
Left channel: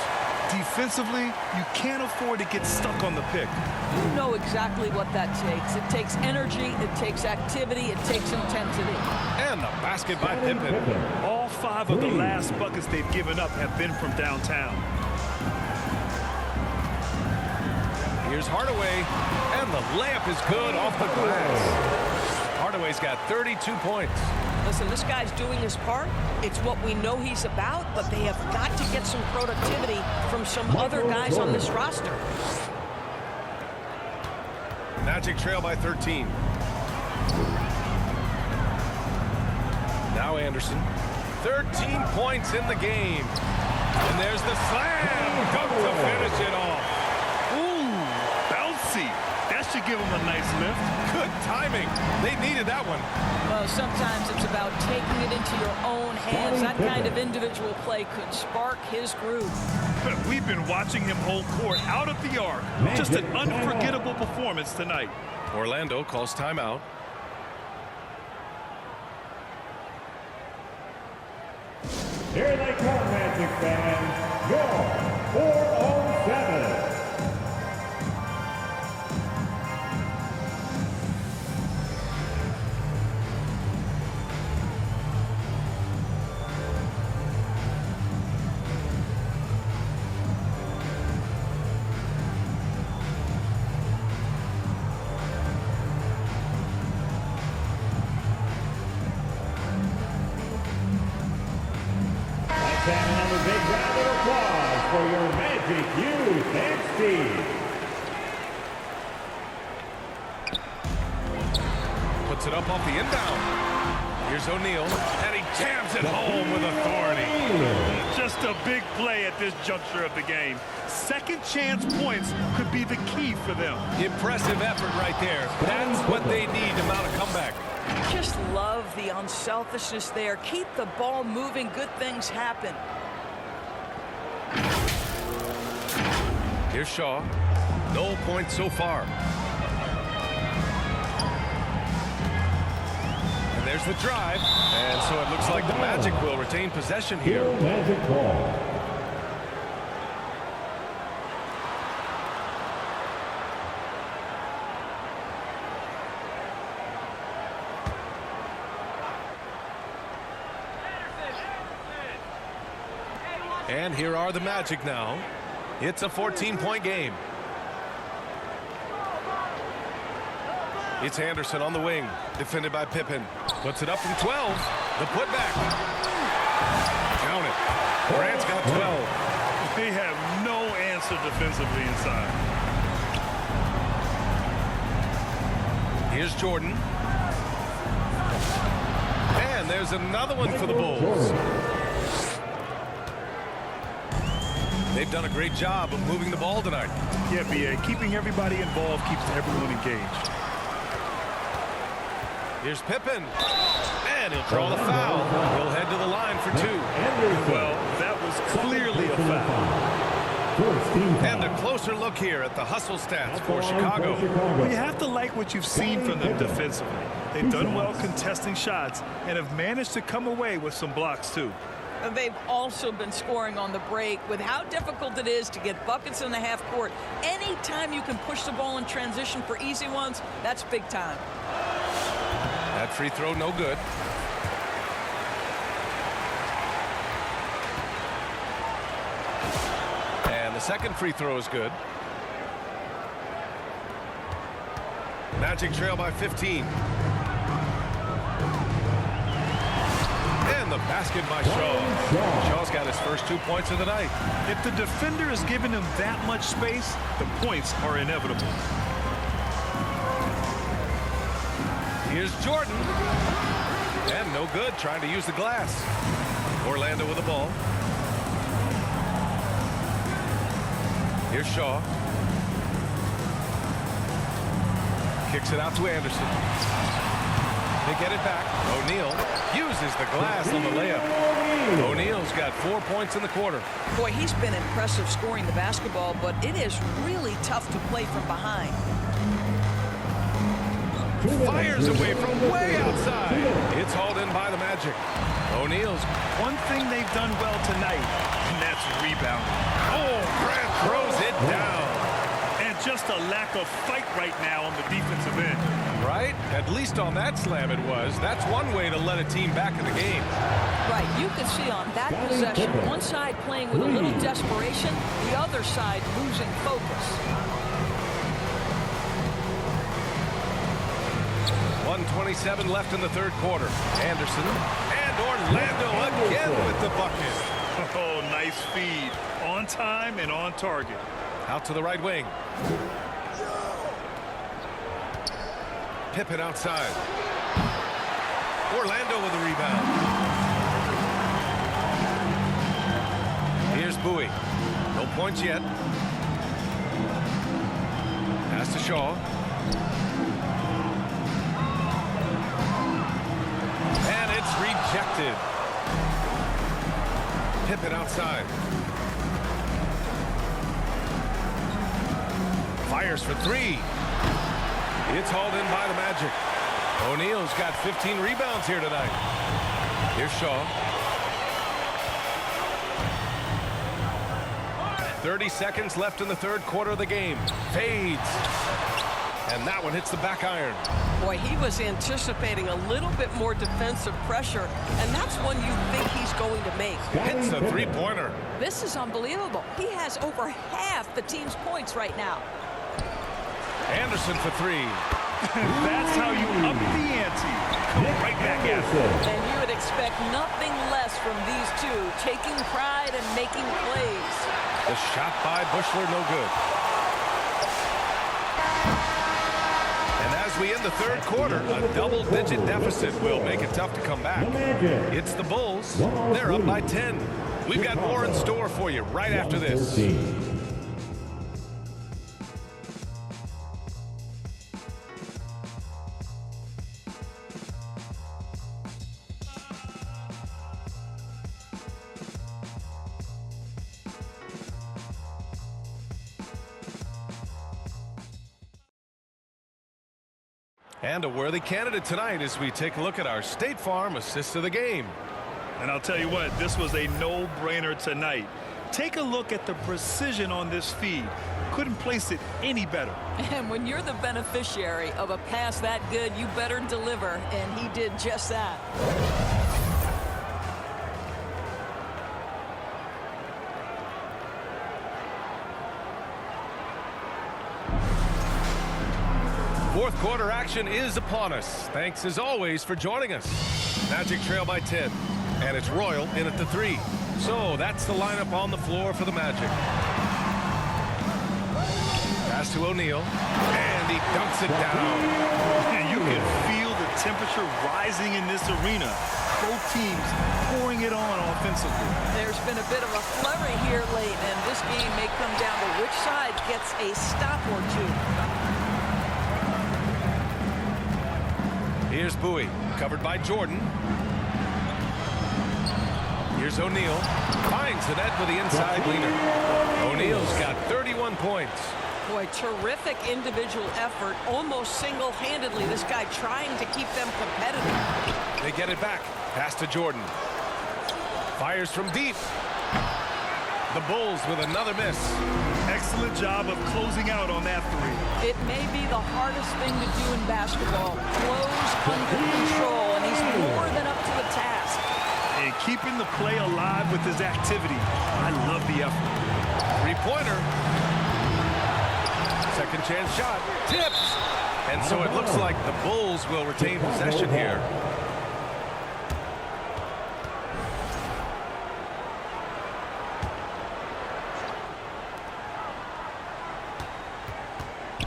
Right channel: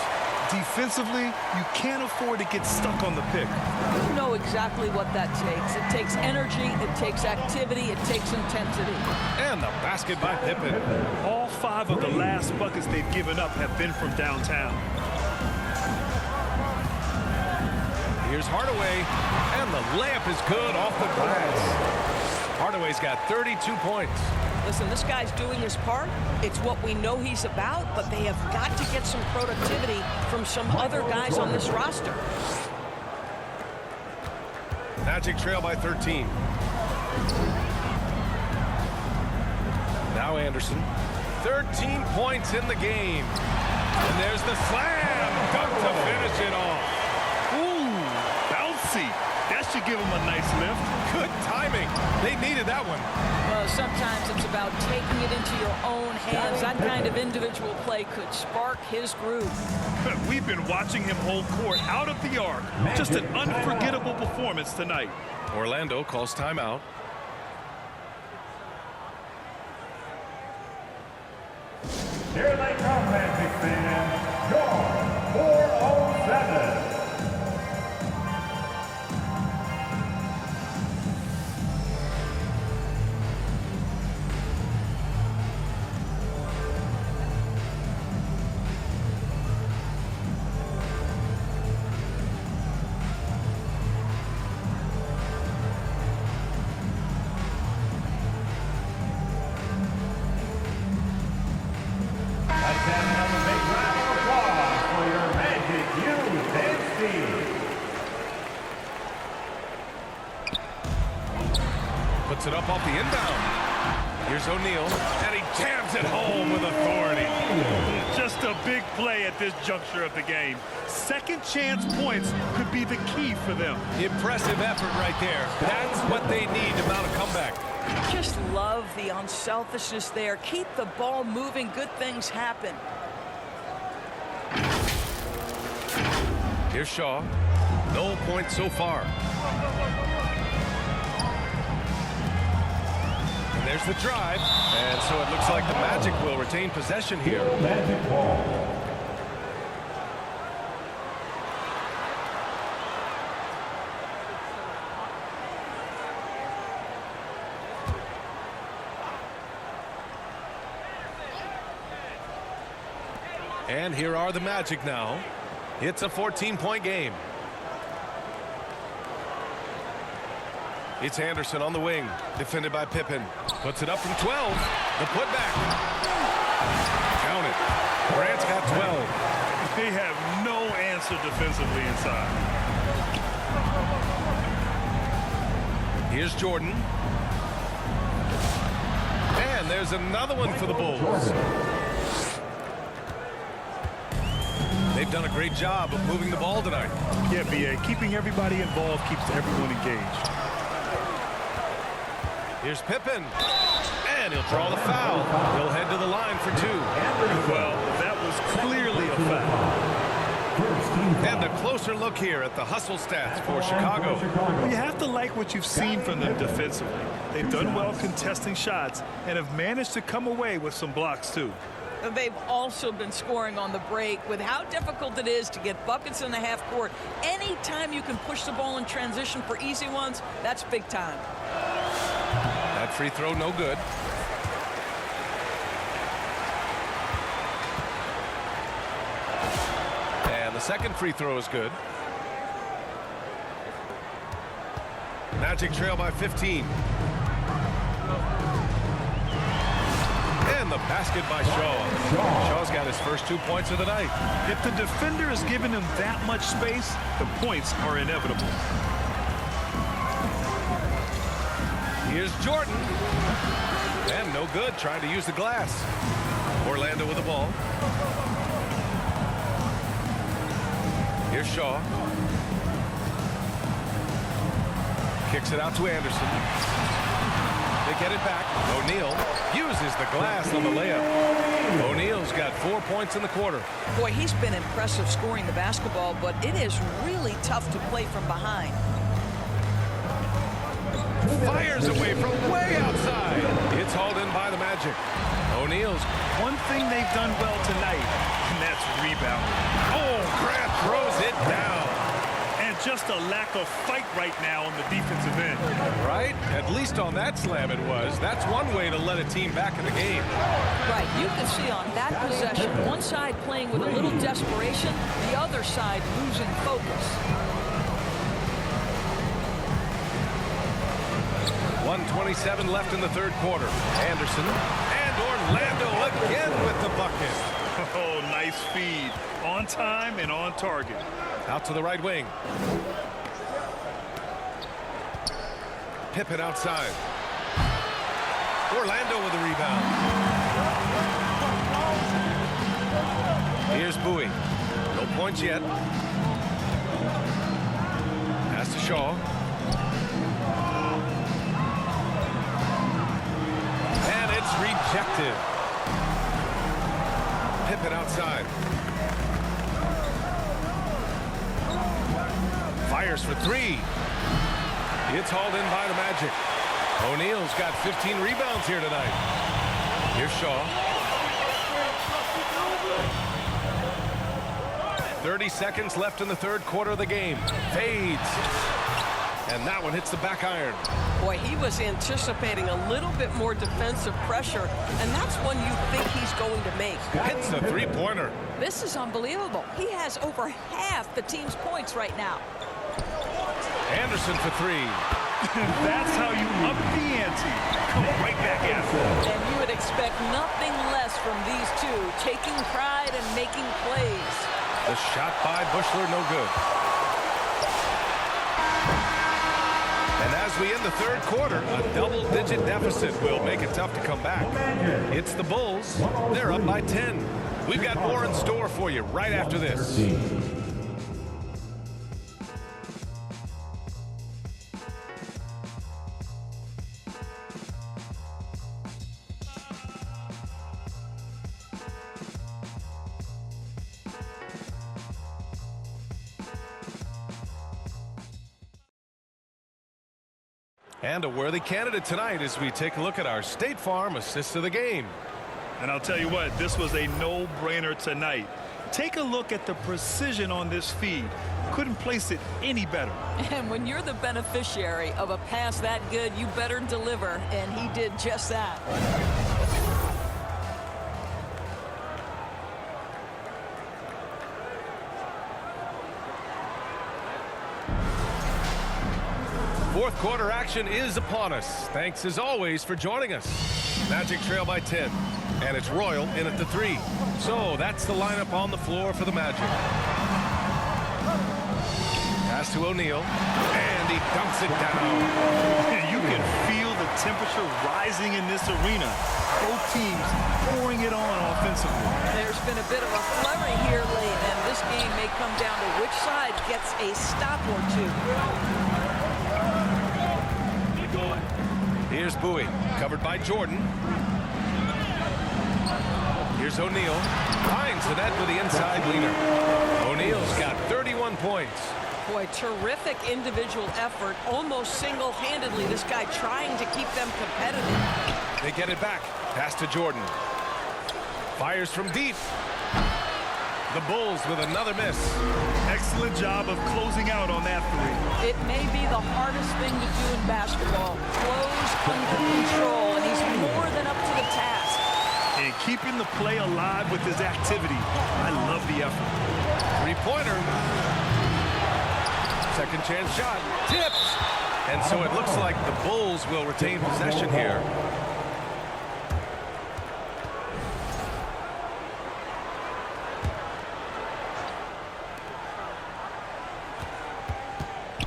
Defensively, you can't afford to get stuck on the pick. You know exactly what that takes. It takes energy, it takes activity, it takes intensity. And the basket by Pippen. All 5 of the last buckets they've given up have been from downtown. Here's Hardaway, and the layup is good off the glass. Hardaway's got 32 points. Listen, this guy's doing his part. It's what we know he's about, but they have got to get some productivity from some other guys on this roster. Magic trail by 13. Now Anderson. 13 points in the game. And there's the slam dunk to finish it off. Ooh, bouncy. That should give him a nice lift. Good timing. They needed that one. Well, sometimes it's about taking it into your own hands. That kind of individual play could spark his groove. We've been watching him hold court out of the arc. Just an unforgettable performance tonight. Orlando calls timeout. Here they come, Magic fans. Your 407. And another big round of applause for your Magic youth and Steve. Puts it up off the inbound. Here's O'Neal, and he jams it home with authority. Just a big play at this juncture of the game. Second chance points could be the key for them. Impressive effort right there. That's what they need to mount a comeback. Just love the unselfishness there. Keep the ball moving. Good things happen. Here's Shaw. No points so far. And there's the drive. And so it looks like the Magic will retain possession here. Magic ball. And here are the Magic now. It's a 14-point game. It's Anderson on the wing, defended by Pippen. Puts it up from 12. The putback. Count it. Grant's got 12. They have no answer defensively inside. Here's Jordan. And there's another one for the Bulls. They've done a great job of moving the ball tonight. Yeah, B.A. Keeping everybody involved keeps everyone engaged. Here's Pippen. And he'll draw the foul. He'll head to the line for two. Well, that was clearly a foul. And a closer look here at the hustle stats for Chicago. Well, you have to like what you've seen from them defensively. They've done well contesting shots and have managed to come away with some blocks, too. They've also been scoring on the break. With how difficult it is to get buckets in the half court, anytime you can push the ball in transition for easy ones, that's big time. That free throw, no good. And the second free throw is good. Magic trail by 15. And the basket by Shaw. Shaw's got his first 2 points of the night. If the defender is giving him that much space, the points are inevitable. Here's Jordan. And no good, trying to use the glass. Orlando with the ball. Here's Shaw. Kicks it out to Anderson. They get it back. O'Neal uses the glass on the layup. O'Neal's got 4 points in the quarter. Boy, he's been impressive scoring the basketball, but it is really tough to play from behind. Fires away from way outside. It's hauled in by the Magic. O'Neal's. One thing they've done well tonight, and that's rebounding. Oh, Grant throws it down. And just a lack of fight right now on the defensive end. Right? At least on that slam it was. That's one way to let a team back in the game. Right, you can see on that possession, one side playing with a little desperation, the other side losing focus. 1:27 left in the third quarter. Anderson and Orlando again with the bucket. Oh, nice feed. On time and on target. Out to the right wing. Pippen outside. Orlando with the rebound. Here's Bowie. No points yet. Pass to Shaw. And it's rejected. Pippen outside. Fires for three. It's hauled in by the Magic. O'Neal's got 15 rebounds here tonight. Here's Shaw. 30 seconds left in the third quarter of the game. Fades. And that one hits the back iron. Boy, he was anticipating a little bit more defensive pressure, and that's one you think he's going to make. Hits the three-pointer. This is unbelievable. He has over half the team's points right now. Anderson for three. That's how you up the ante. Come right back at them. And you would expect nothing less from these two, taking pride and making plays. The shot by Buechler, no good. And as we end the third quarter, a double-digit deficit will make it tough to come back. It's the Bulls. They're up by 10. We've got more in store for you right after this. And a worthy candidate tonight as we take a look at our State Farm assist of the game. And I'll tell you what, this was a no-brainer tonight. Take a look at the precision on this feed. Couldn't place it any better. And when you're the beneficiary of a pass that good, you better deliver, and he did just that. Fourth quarter action is upon us. Thanks as always for joining us. Magic trail by 10. And it's Royal in at the 3. So that's the lineup on the floor for the Magic. Pass to O'Neal. And he dunks it down. You can feel the temperature rising in this arena. Both teams pouring it on offensively. There's been a bit of a flurry here late, and this game may come down to which side gets a stop or two. Here's Bowie, covered by Jordan. Here's O'Neal. Finds the net with the inside leaner. O'Neal's got 31 points. Boy, terrific individual effort, almost single-handedly. This guy trying to keep them competitive. They get it back. Pass to Jordan. Fires from deep. The Bulls with another miss. Excellent job of closing out on that three. It may be the hardest thing to do in basketball. Close under control, and he's more than up to the task. And keeping the play alive with his activity. I love the effort. Three-pointer. Second chance shot. Tipped. And so it looks like the Bulls will retain possession here.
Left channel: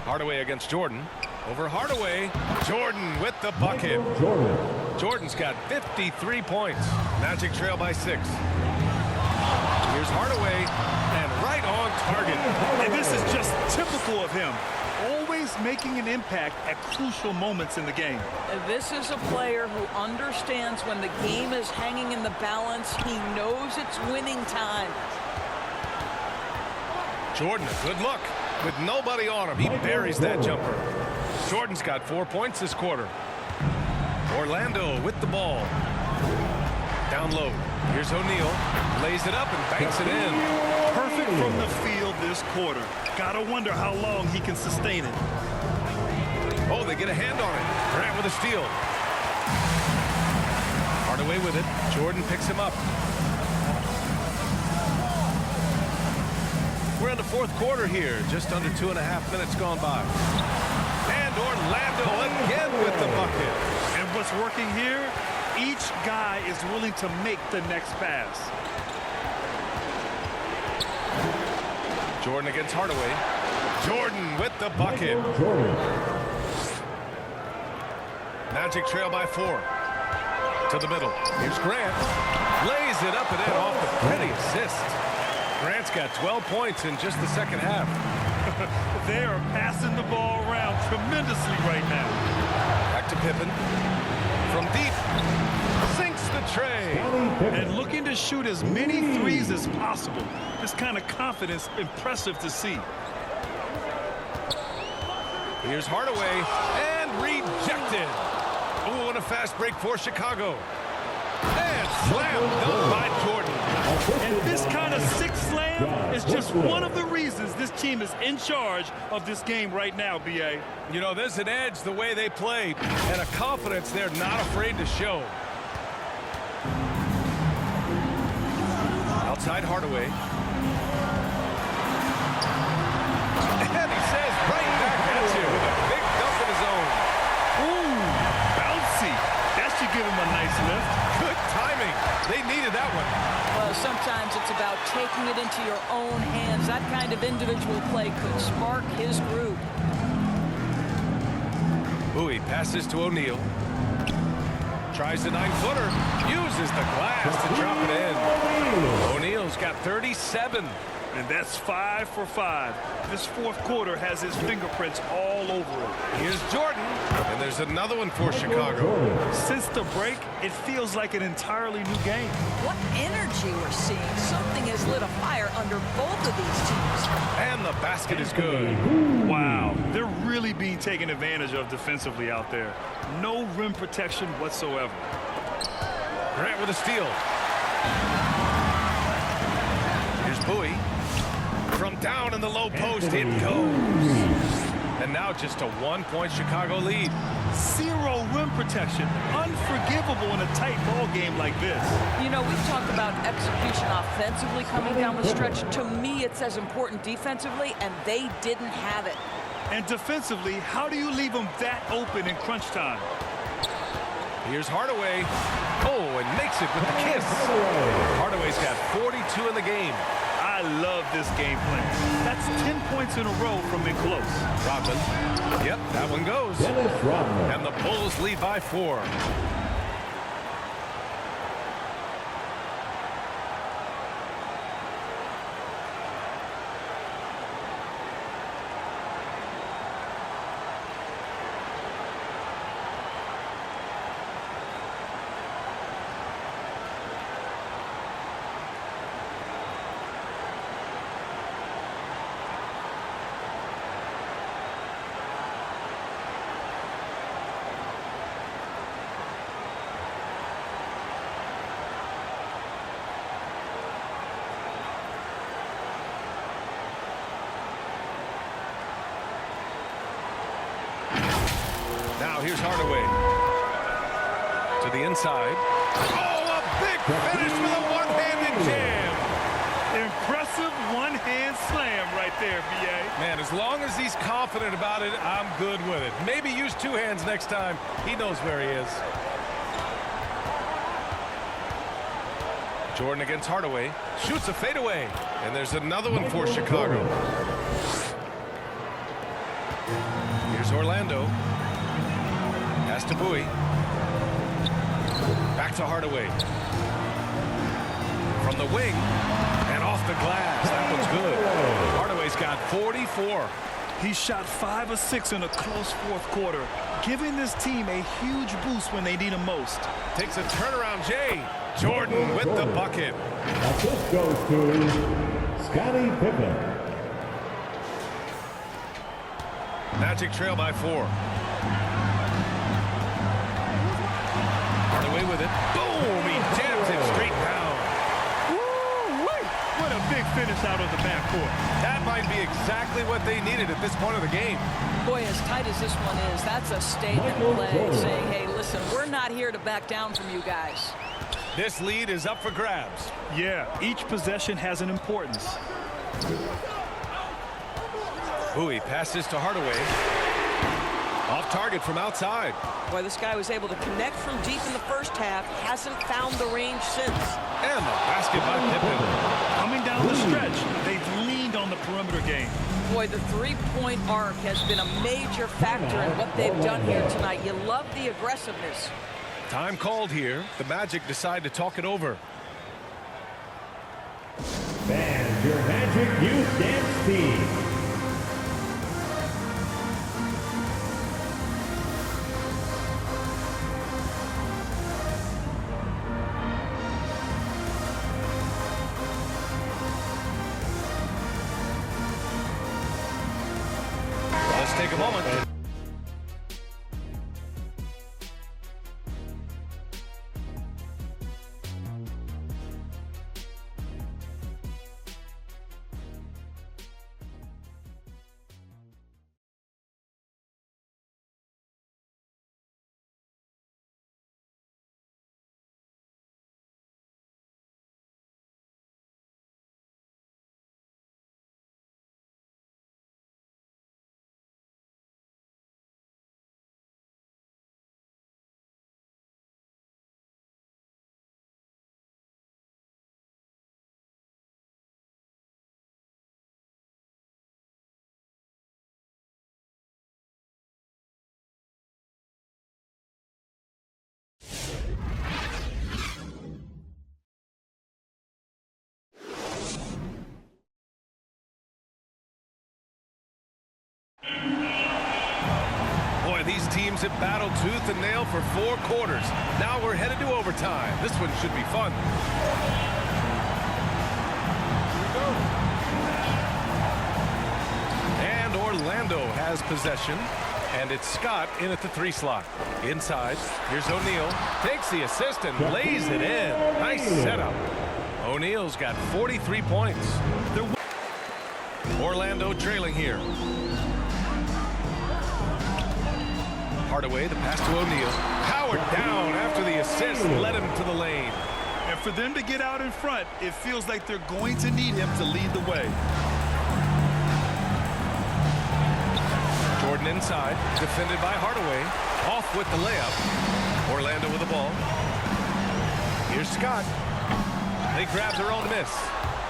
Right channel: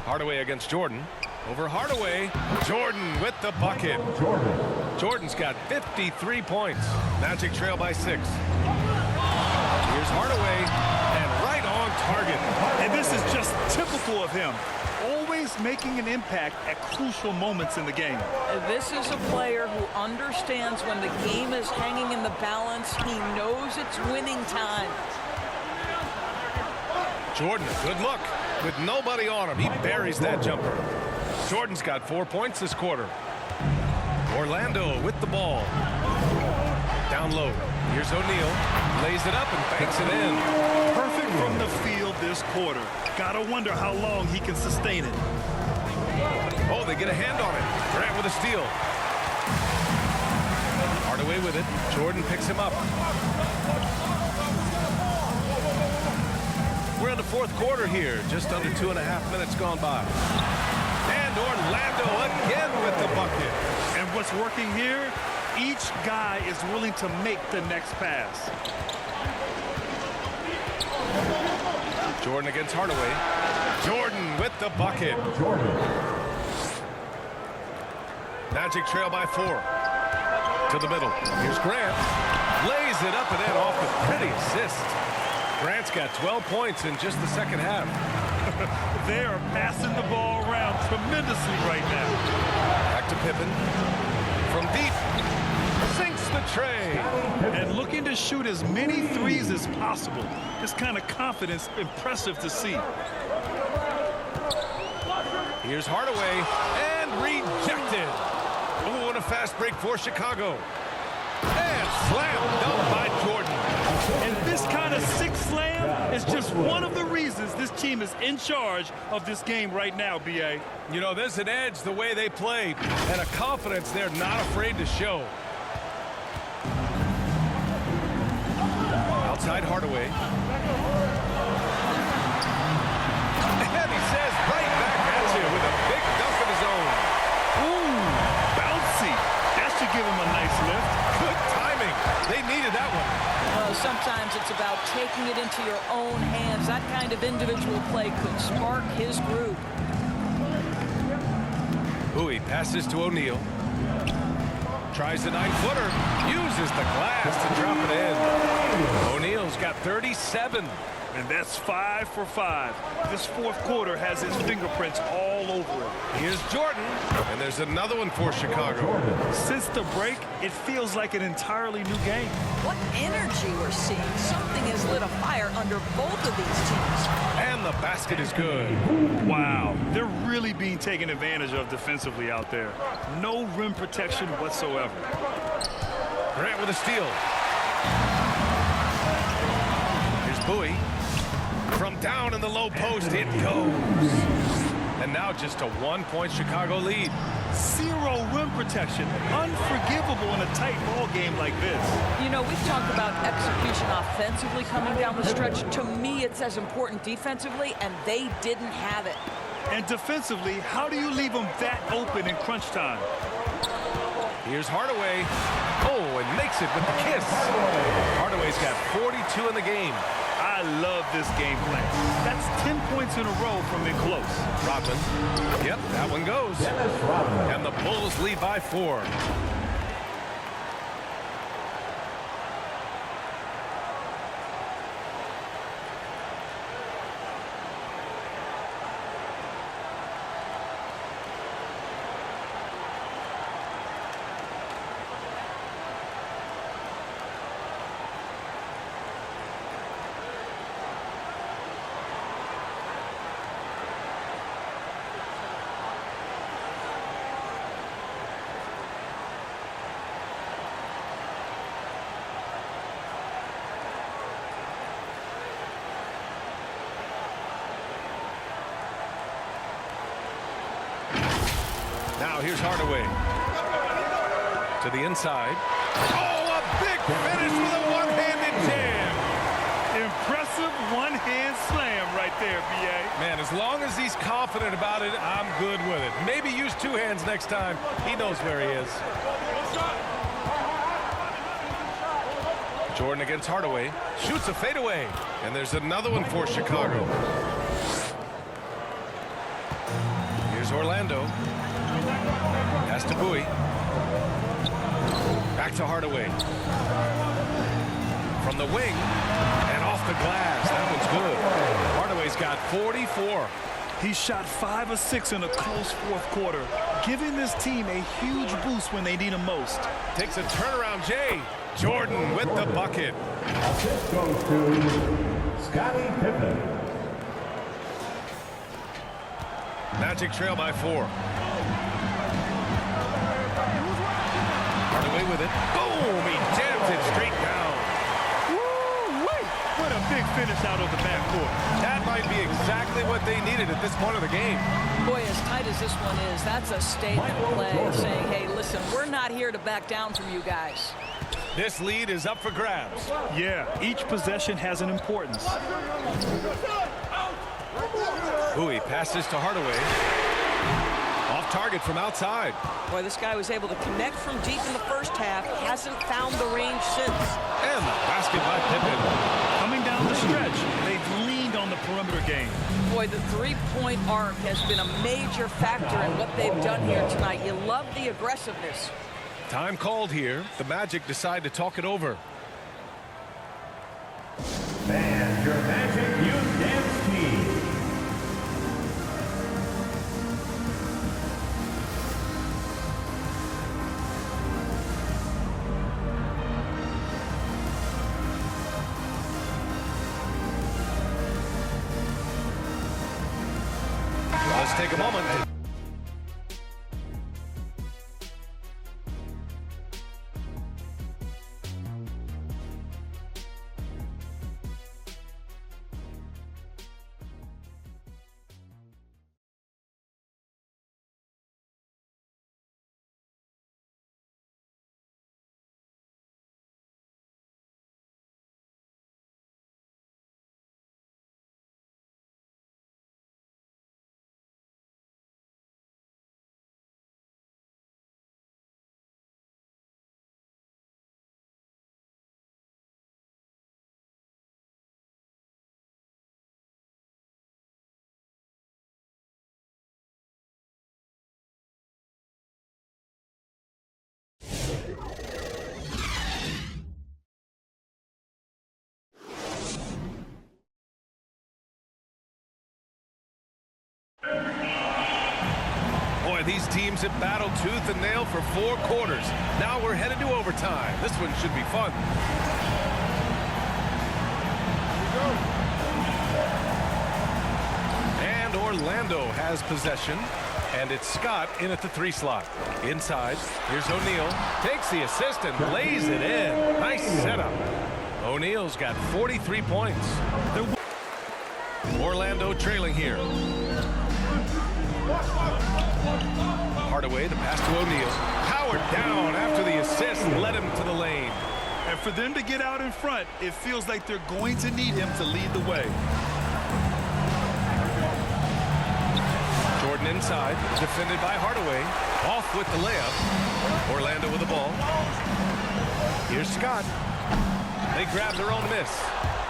Hardaway against Jordan. Over Hardaway. Jordan with the bucket. Jordan's got 53 points. Magic trail by 6. Here's Hardaway. And right on target. And this is just typical of him. Always making an impact at crucial moments in the game. This is a player who understands when the game is hanging in the balance. He knows it's winning time. Jordan, a good look. With nobody on him, he buries that jumper. Jordan's got 4 points this quarter. Orlando with the ball. Down low. Here's O'Neal. Lays it up and banks it in. Perfect from the field this quarter. Gotta wonder how long he can sustain it. Oh, they get a hand on it. Grant with a steal. Hardaway with it. Jordan picks him up. We're in the fourth quarter here. Just under 2.5 minutes gone by. And Orlando again with the bucket. And what's working here, each guy is willing to make the next pass. Jordan against Hardaway. Jordan with the bucket. Magic trail by 4. To the middle. Here's Grant. Lays it up and in off the pretty assist. Grant's got 12 points in just the second half. They are passing the ball around tremendously right now. Back to Pippen. From deep. Sinks the tray. And looking to shoot as many threes as possible. This kind of confidence, impressive to see. Here's Hardaway. And rejected. Oh, and a fast break for Chicago. And slam dunk by Jordan. And this kind of sick slam is just one of the reasons this team is in charge of this game right now, B.A. You know, there's an edge the way they play and a confidence they're not afraid to show. Outside Hardaway. And he says right back at you with a big dunk of his own. Ooh, bouncy. That should give him a nice lift. Good timing. They needed that one. Well, sometimes it's about taking it into your own hands. That kind of individual play could spark his group. Bowie passes to O'Neal. Tries the 9-footer. Uses the glass to drop it in. O'Neal's got 37. And that's 5 for 5. This fourth quarter has his fingerprints all over it. Here's Jordan. And there's another one for Chicago. Since the break, it feels like an entirely new game. What energy we're seeing. Something has lit a fire under both of these teams. And the basket is good. Wow, they're really being taken advantage of defensively out there. No rim protection whatsoever. Grant with a steal. Here's Bowie. From down in the low post, it goes. And now just a 1-point Chicago lead. 0 rim protection. Unforgivable in a tight ball game like this. You know, we've talked about execution offensively coming down the stretch. To me, it's as important defensively, and they didn't have it. And defensively, how do you leave them that open in crunch time? Here's Hardaway. Oh, and makes it with the kiss. Hardaway's got 42 in the game. I love this game plan. That's 10 points in a row from in close. Rodman. Yep, that one goes. And the Bulls lead by 4. Now here's Hardaway. To the inside. Oh, a big finish with a one-handed jam. Impressive one-hand slam right there, B.A. Man, as long as he's confident about it, I'm good with it. Maybe use 2 hands next time. He knows where he is. Jordan against Hardaway. Shoots a fadeaway. And there's another one for Chicago. Here's Orlando. Pass to Bowie. Back to Hardaway. From the wing. And off the glass. That one's good. Hardaway's got 44. He shot 5 of 6 in a close fourth quarter, giving this team a huge boost when they need him most. Takes a turnaround, Jay. Jordan with the bucket. Assist goes to Scottie Pippen. Magic trail by 4. Hardaway with it. Boom! He jams it straight down. Woo-wee! What a big finish out of the backcourt. That might be exactly what they needed at this point of the game. Boy, as tight as this one is, that's a statement play saying, hey, listen, we're not here to back down from you guys. This lead is up for grabs. Yeah, each possession has an importance. Bowie passes to Hardaway. Off target from outside. Boy, this guy was able to connect from deep in the first half. Hasn't found the range since. And the basket by Pippen. Coming down the stretch, they've leaned on the perimeter game. Boy, the three-point arc has been a major factor in what they've done here tonight. You love the aggressiveness. Time called here. The Magic decide to talk it over. And your Magic Youth Dance Team. Let's take a moment. Boy, these teams have battled tooth and nail for 4 quarters. Now we're headed to overtime. This one should be fun. Here we go. And Orlando has possession. And it's Scott in at the 3 slot. Inside, here's O'Neal. Takes the assist and lays it in. Nice setup. O'Neal's got 43 points. Orlando trailing here. Hardaway, the pass to O'Neal. Powered down after the assist led him to the lane. And for them to get out in front, it feels like they're going to need him to lead the way. Jordan inside, defended by Hardaway. Off with the layup. Orlando with the ball. Here's Scott. They grab their own miss.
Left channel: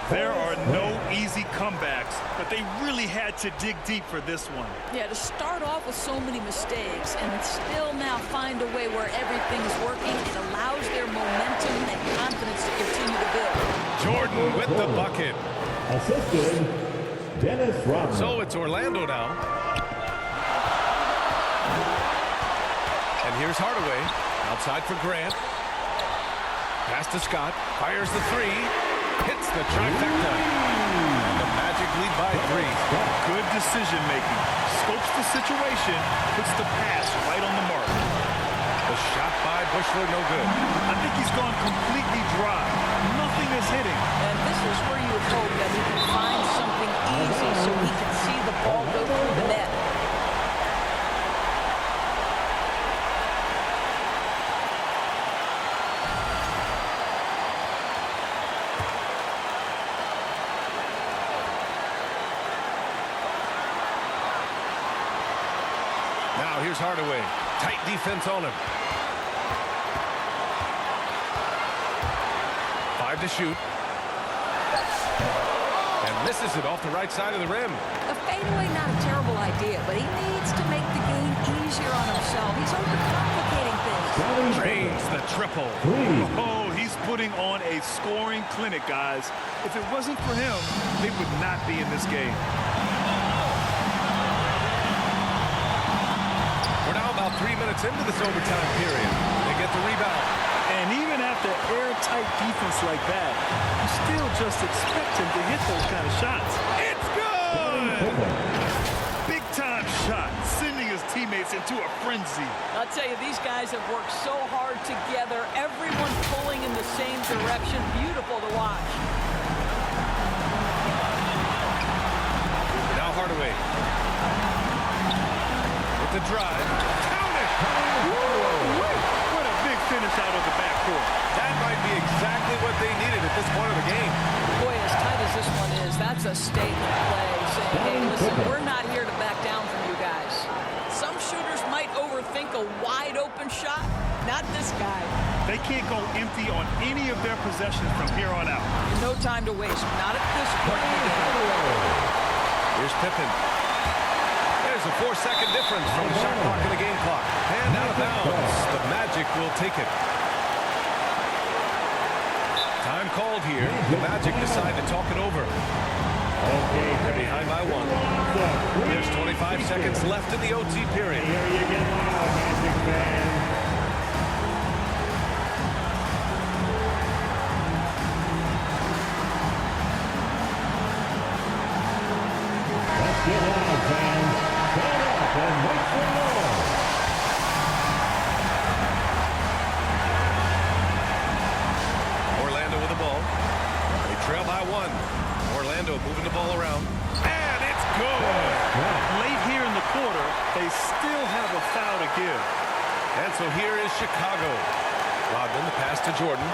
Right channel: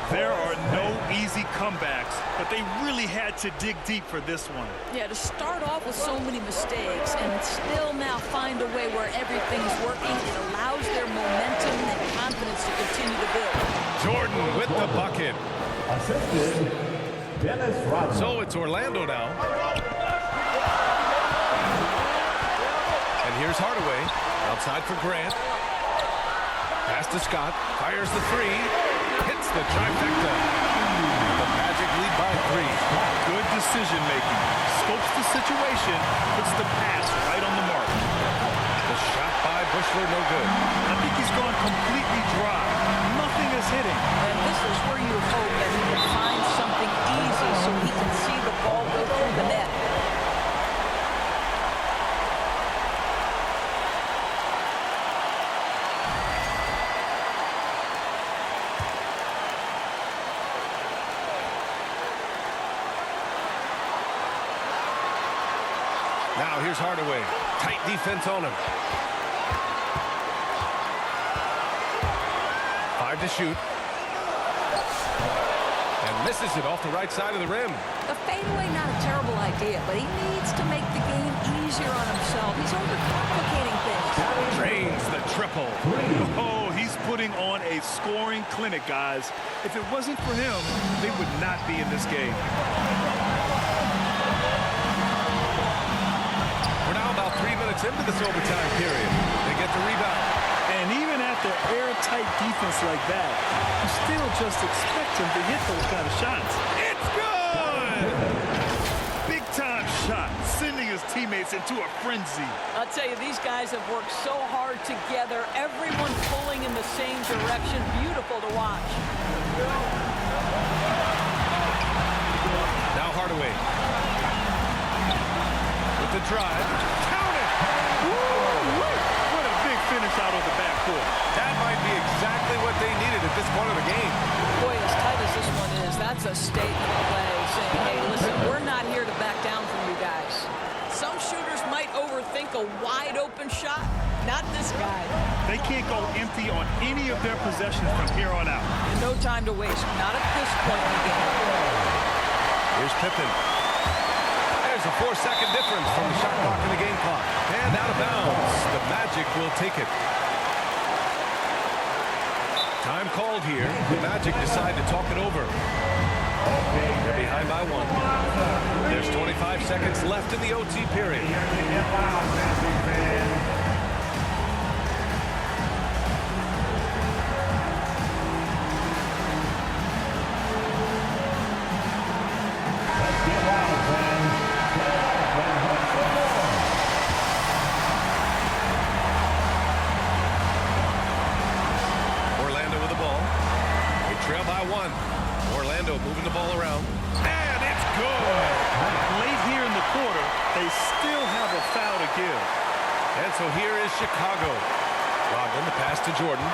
There are no easy comebacks, but they really had to dig deep for this one. Yeah, to start off with so many mistakes and still now find a way where everything's working, it allows their momentum and confidence to continue to build. Jordan with the bucket. Assisted, Dennis Rodman. So it's Orlando now. And here's Hardaway. Outside for Grant. Pass to Scott. Fires the 3. Hits the trifecta. And the Magic lead by 3. Good decision making. Scopes the situation, puts the pass right on the mark. The shot by Buechler, no good. I think he's gone completely dry. Nothing is hitting. And this is where you hope that he can find something easy so he can see the ball go through the net. Now here's Hardaway. Tight defense on him. 5 to shoot. And misses it off the right side of the rim. The fadeaway, not a terrible idea, but he needs to make the game easier on himself. He's overcomplicating things. Drains the triple. Oh, he's putting on a scoring clinic, guys. If it wasn't for him, they would not be in this game. We're now about 3 minutes into this overtime period. They get the rebound. And even after airtight defense like that, you still just expect him to hit those kind of shots. It's good! Big-time shot, sending his teammates into a frenzy. I'll tell you, these guys have worked so hard together. Everyone pulling in the same direction. Beautiful to watch. Now Hardaway. With the drive. Count it! Woo-wee! What a big finish out of the backcourt. That might be exactly what they needed at this point of the game. Boy, as tight as this one is, that's a statement play saying, hey, listen, we're not here to back down from you guys. Some shooters might overthink a wide open shot. Not this guy. They can't go empty on any of their possessions from here on out. And no time to waste. Not at this point in the game. Here's Pippen. There's a 4-second difference from the shot clock and the game clock. And out of bounds. The Magic will take it. Time called here. The Magic decide to talk it over. They're behind by 1. There's 25 seconds left in the OT period. Here you get loud, Magic fans. Let's get loud, fans. Turn up and wait for more. Orlando with the ball. They trail by 1. Orlando moving the ball around. And it's good. Late here in the quarter, they still have a foul to give. And so here is Chicago. Rodman, the pass to Jordan.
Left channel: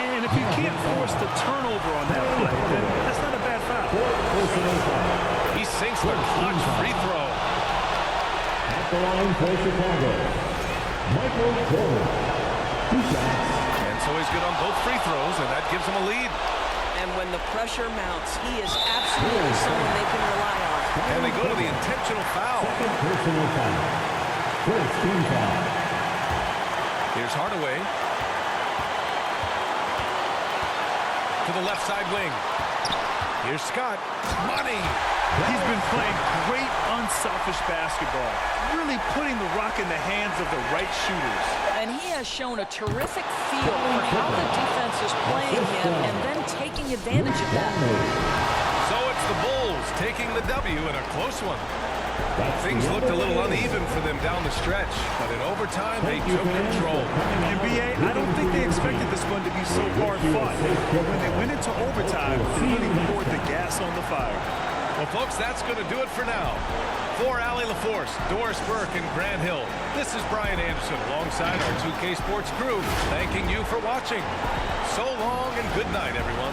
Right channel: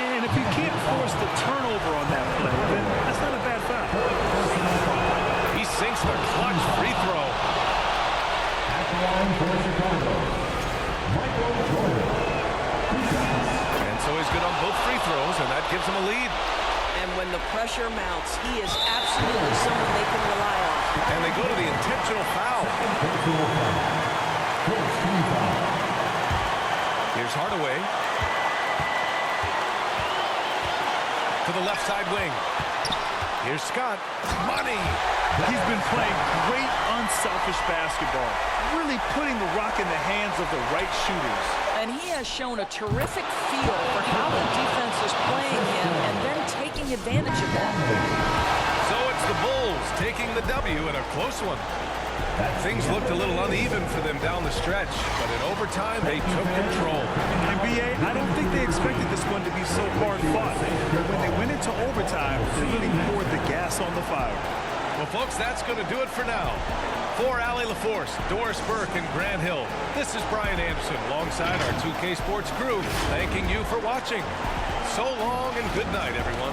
And if you can't force the turnover on that play, then that's not a bad foul. He sinks the clutch free throw. At the line for Chicago, Michael Jordan. 2 shots. And so he's good on both free throws, and that gives him a lead. And when the pressure mounts, he is absolutely someone they can rely on. And they go to the intentional foul. Second personal foul. First team foul. Here's Hardaway. To the left side wing. Here's Scott. Money. He's been playing great unselfish basketball, really putting the rock in the hands of the right shooters. And he has shown a terrific feel for how the defense is playing him and then taking advantage of that. So it's the Bulls taking the W in a close one. Things looked a little uneven for them down the stretch, but in overtime they took control. And B.A., I don't think they expected this one to be so hard-fought. But when they went into overtime, they really poured the gas on the fire. Well, folks, that's going to do it for now. For Allie LaForce, Doris Burke, and Grant Hill, this is Brian Anderson alongside our 2K Sports crew, thanking you for watching. So long and good night, everyone.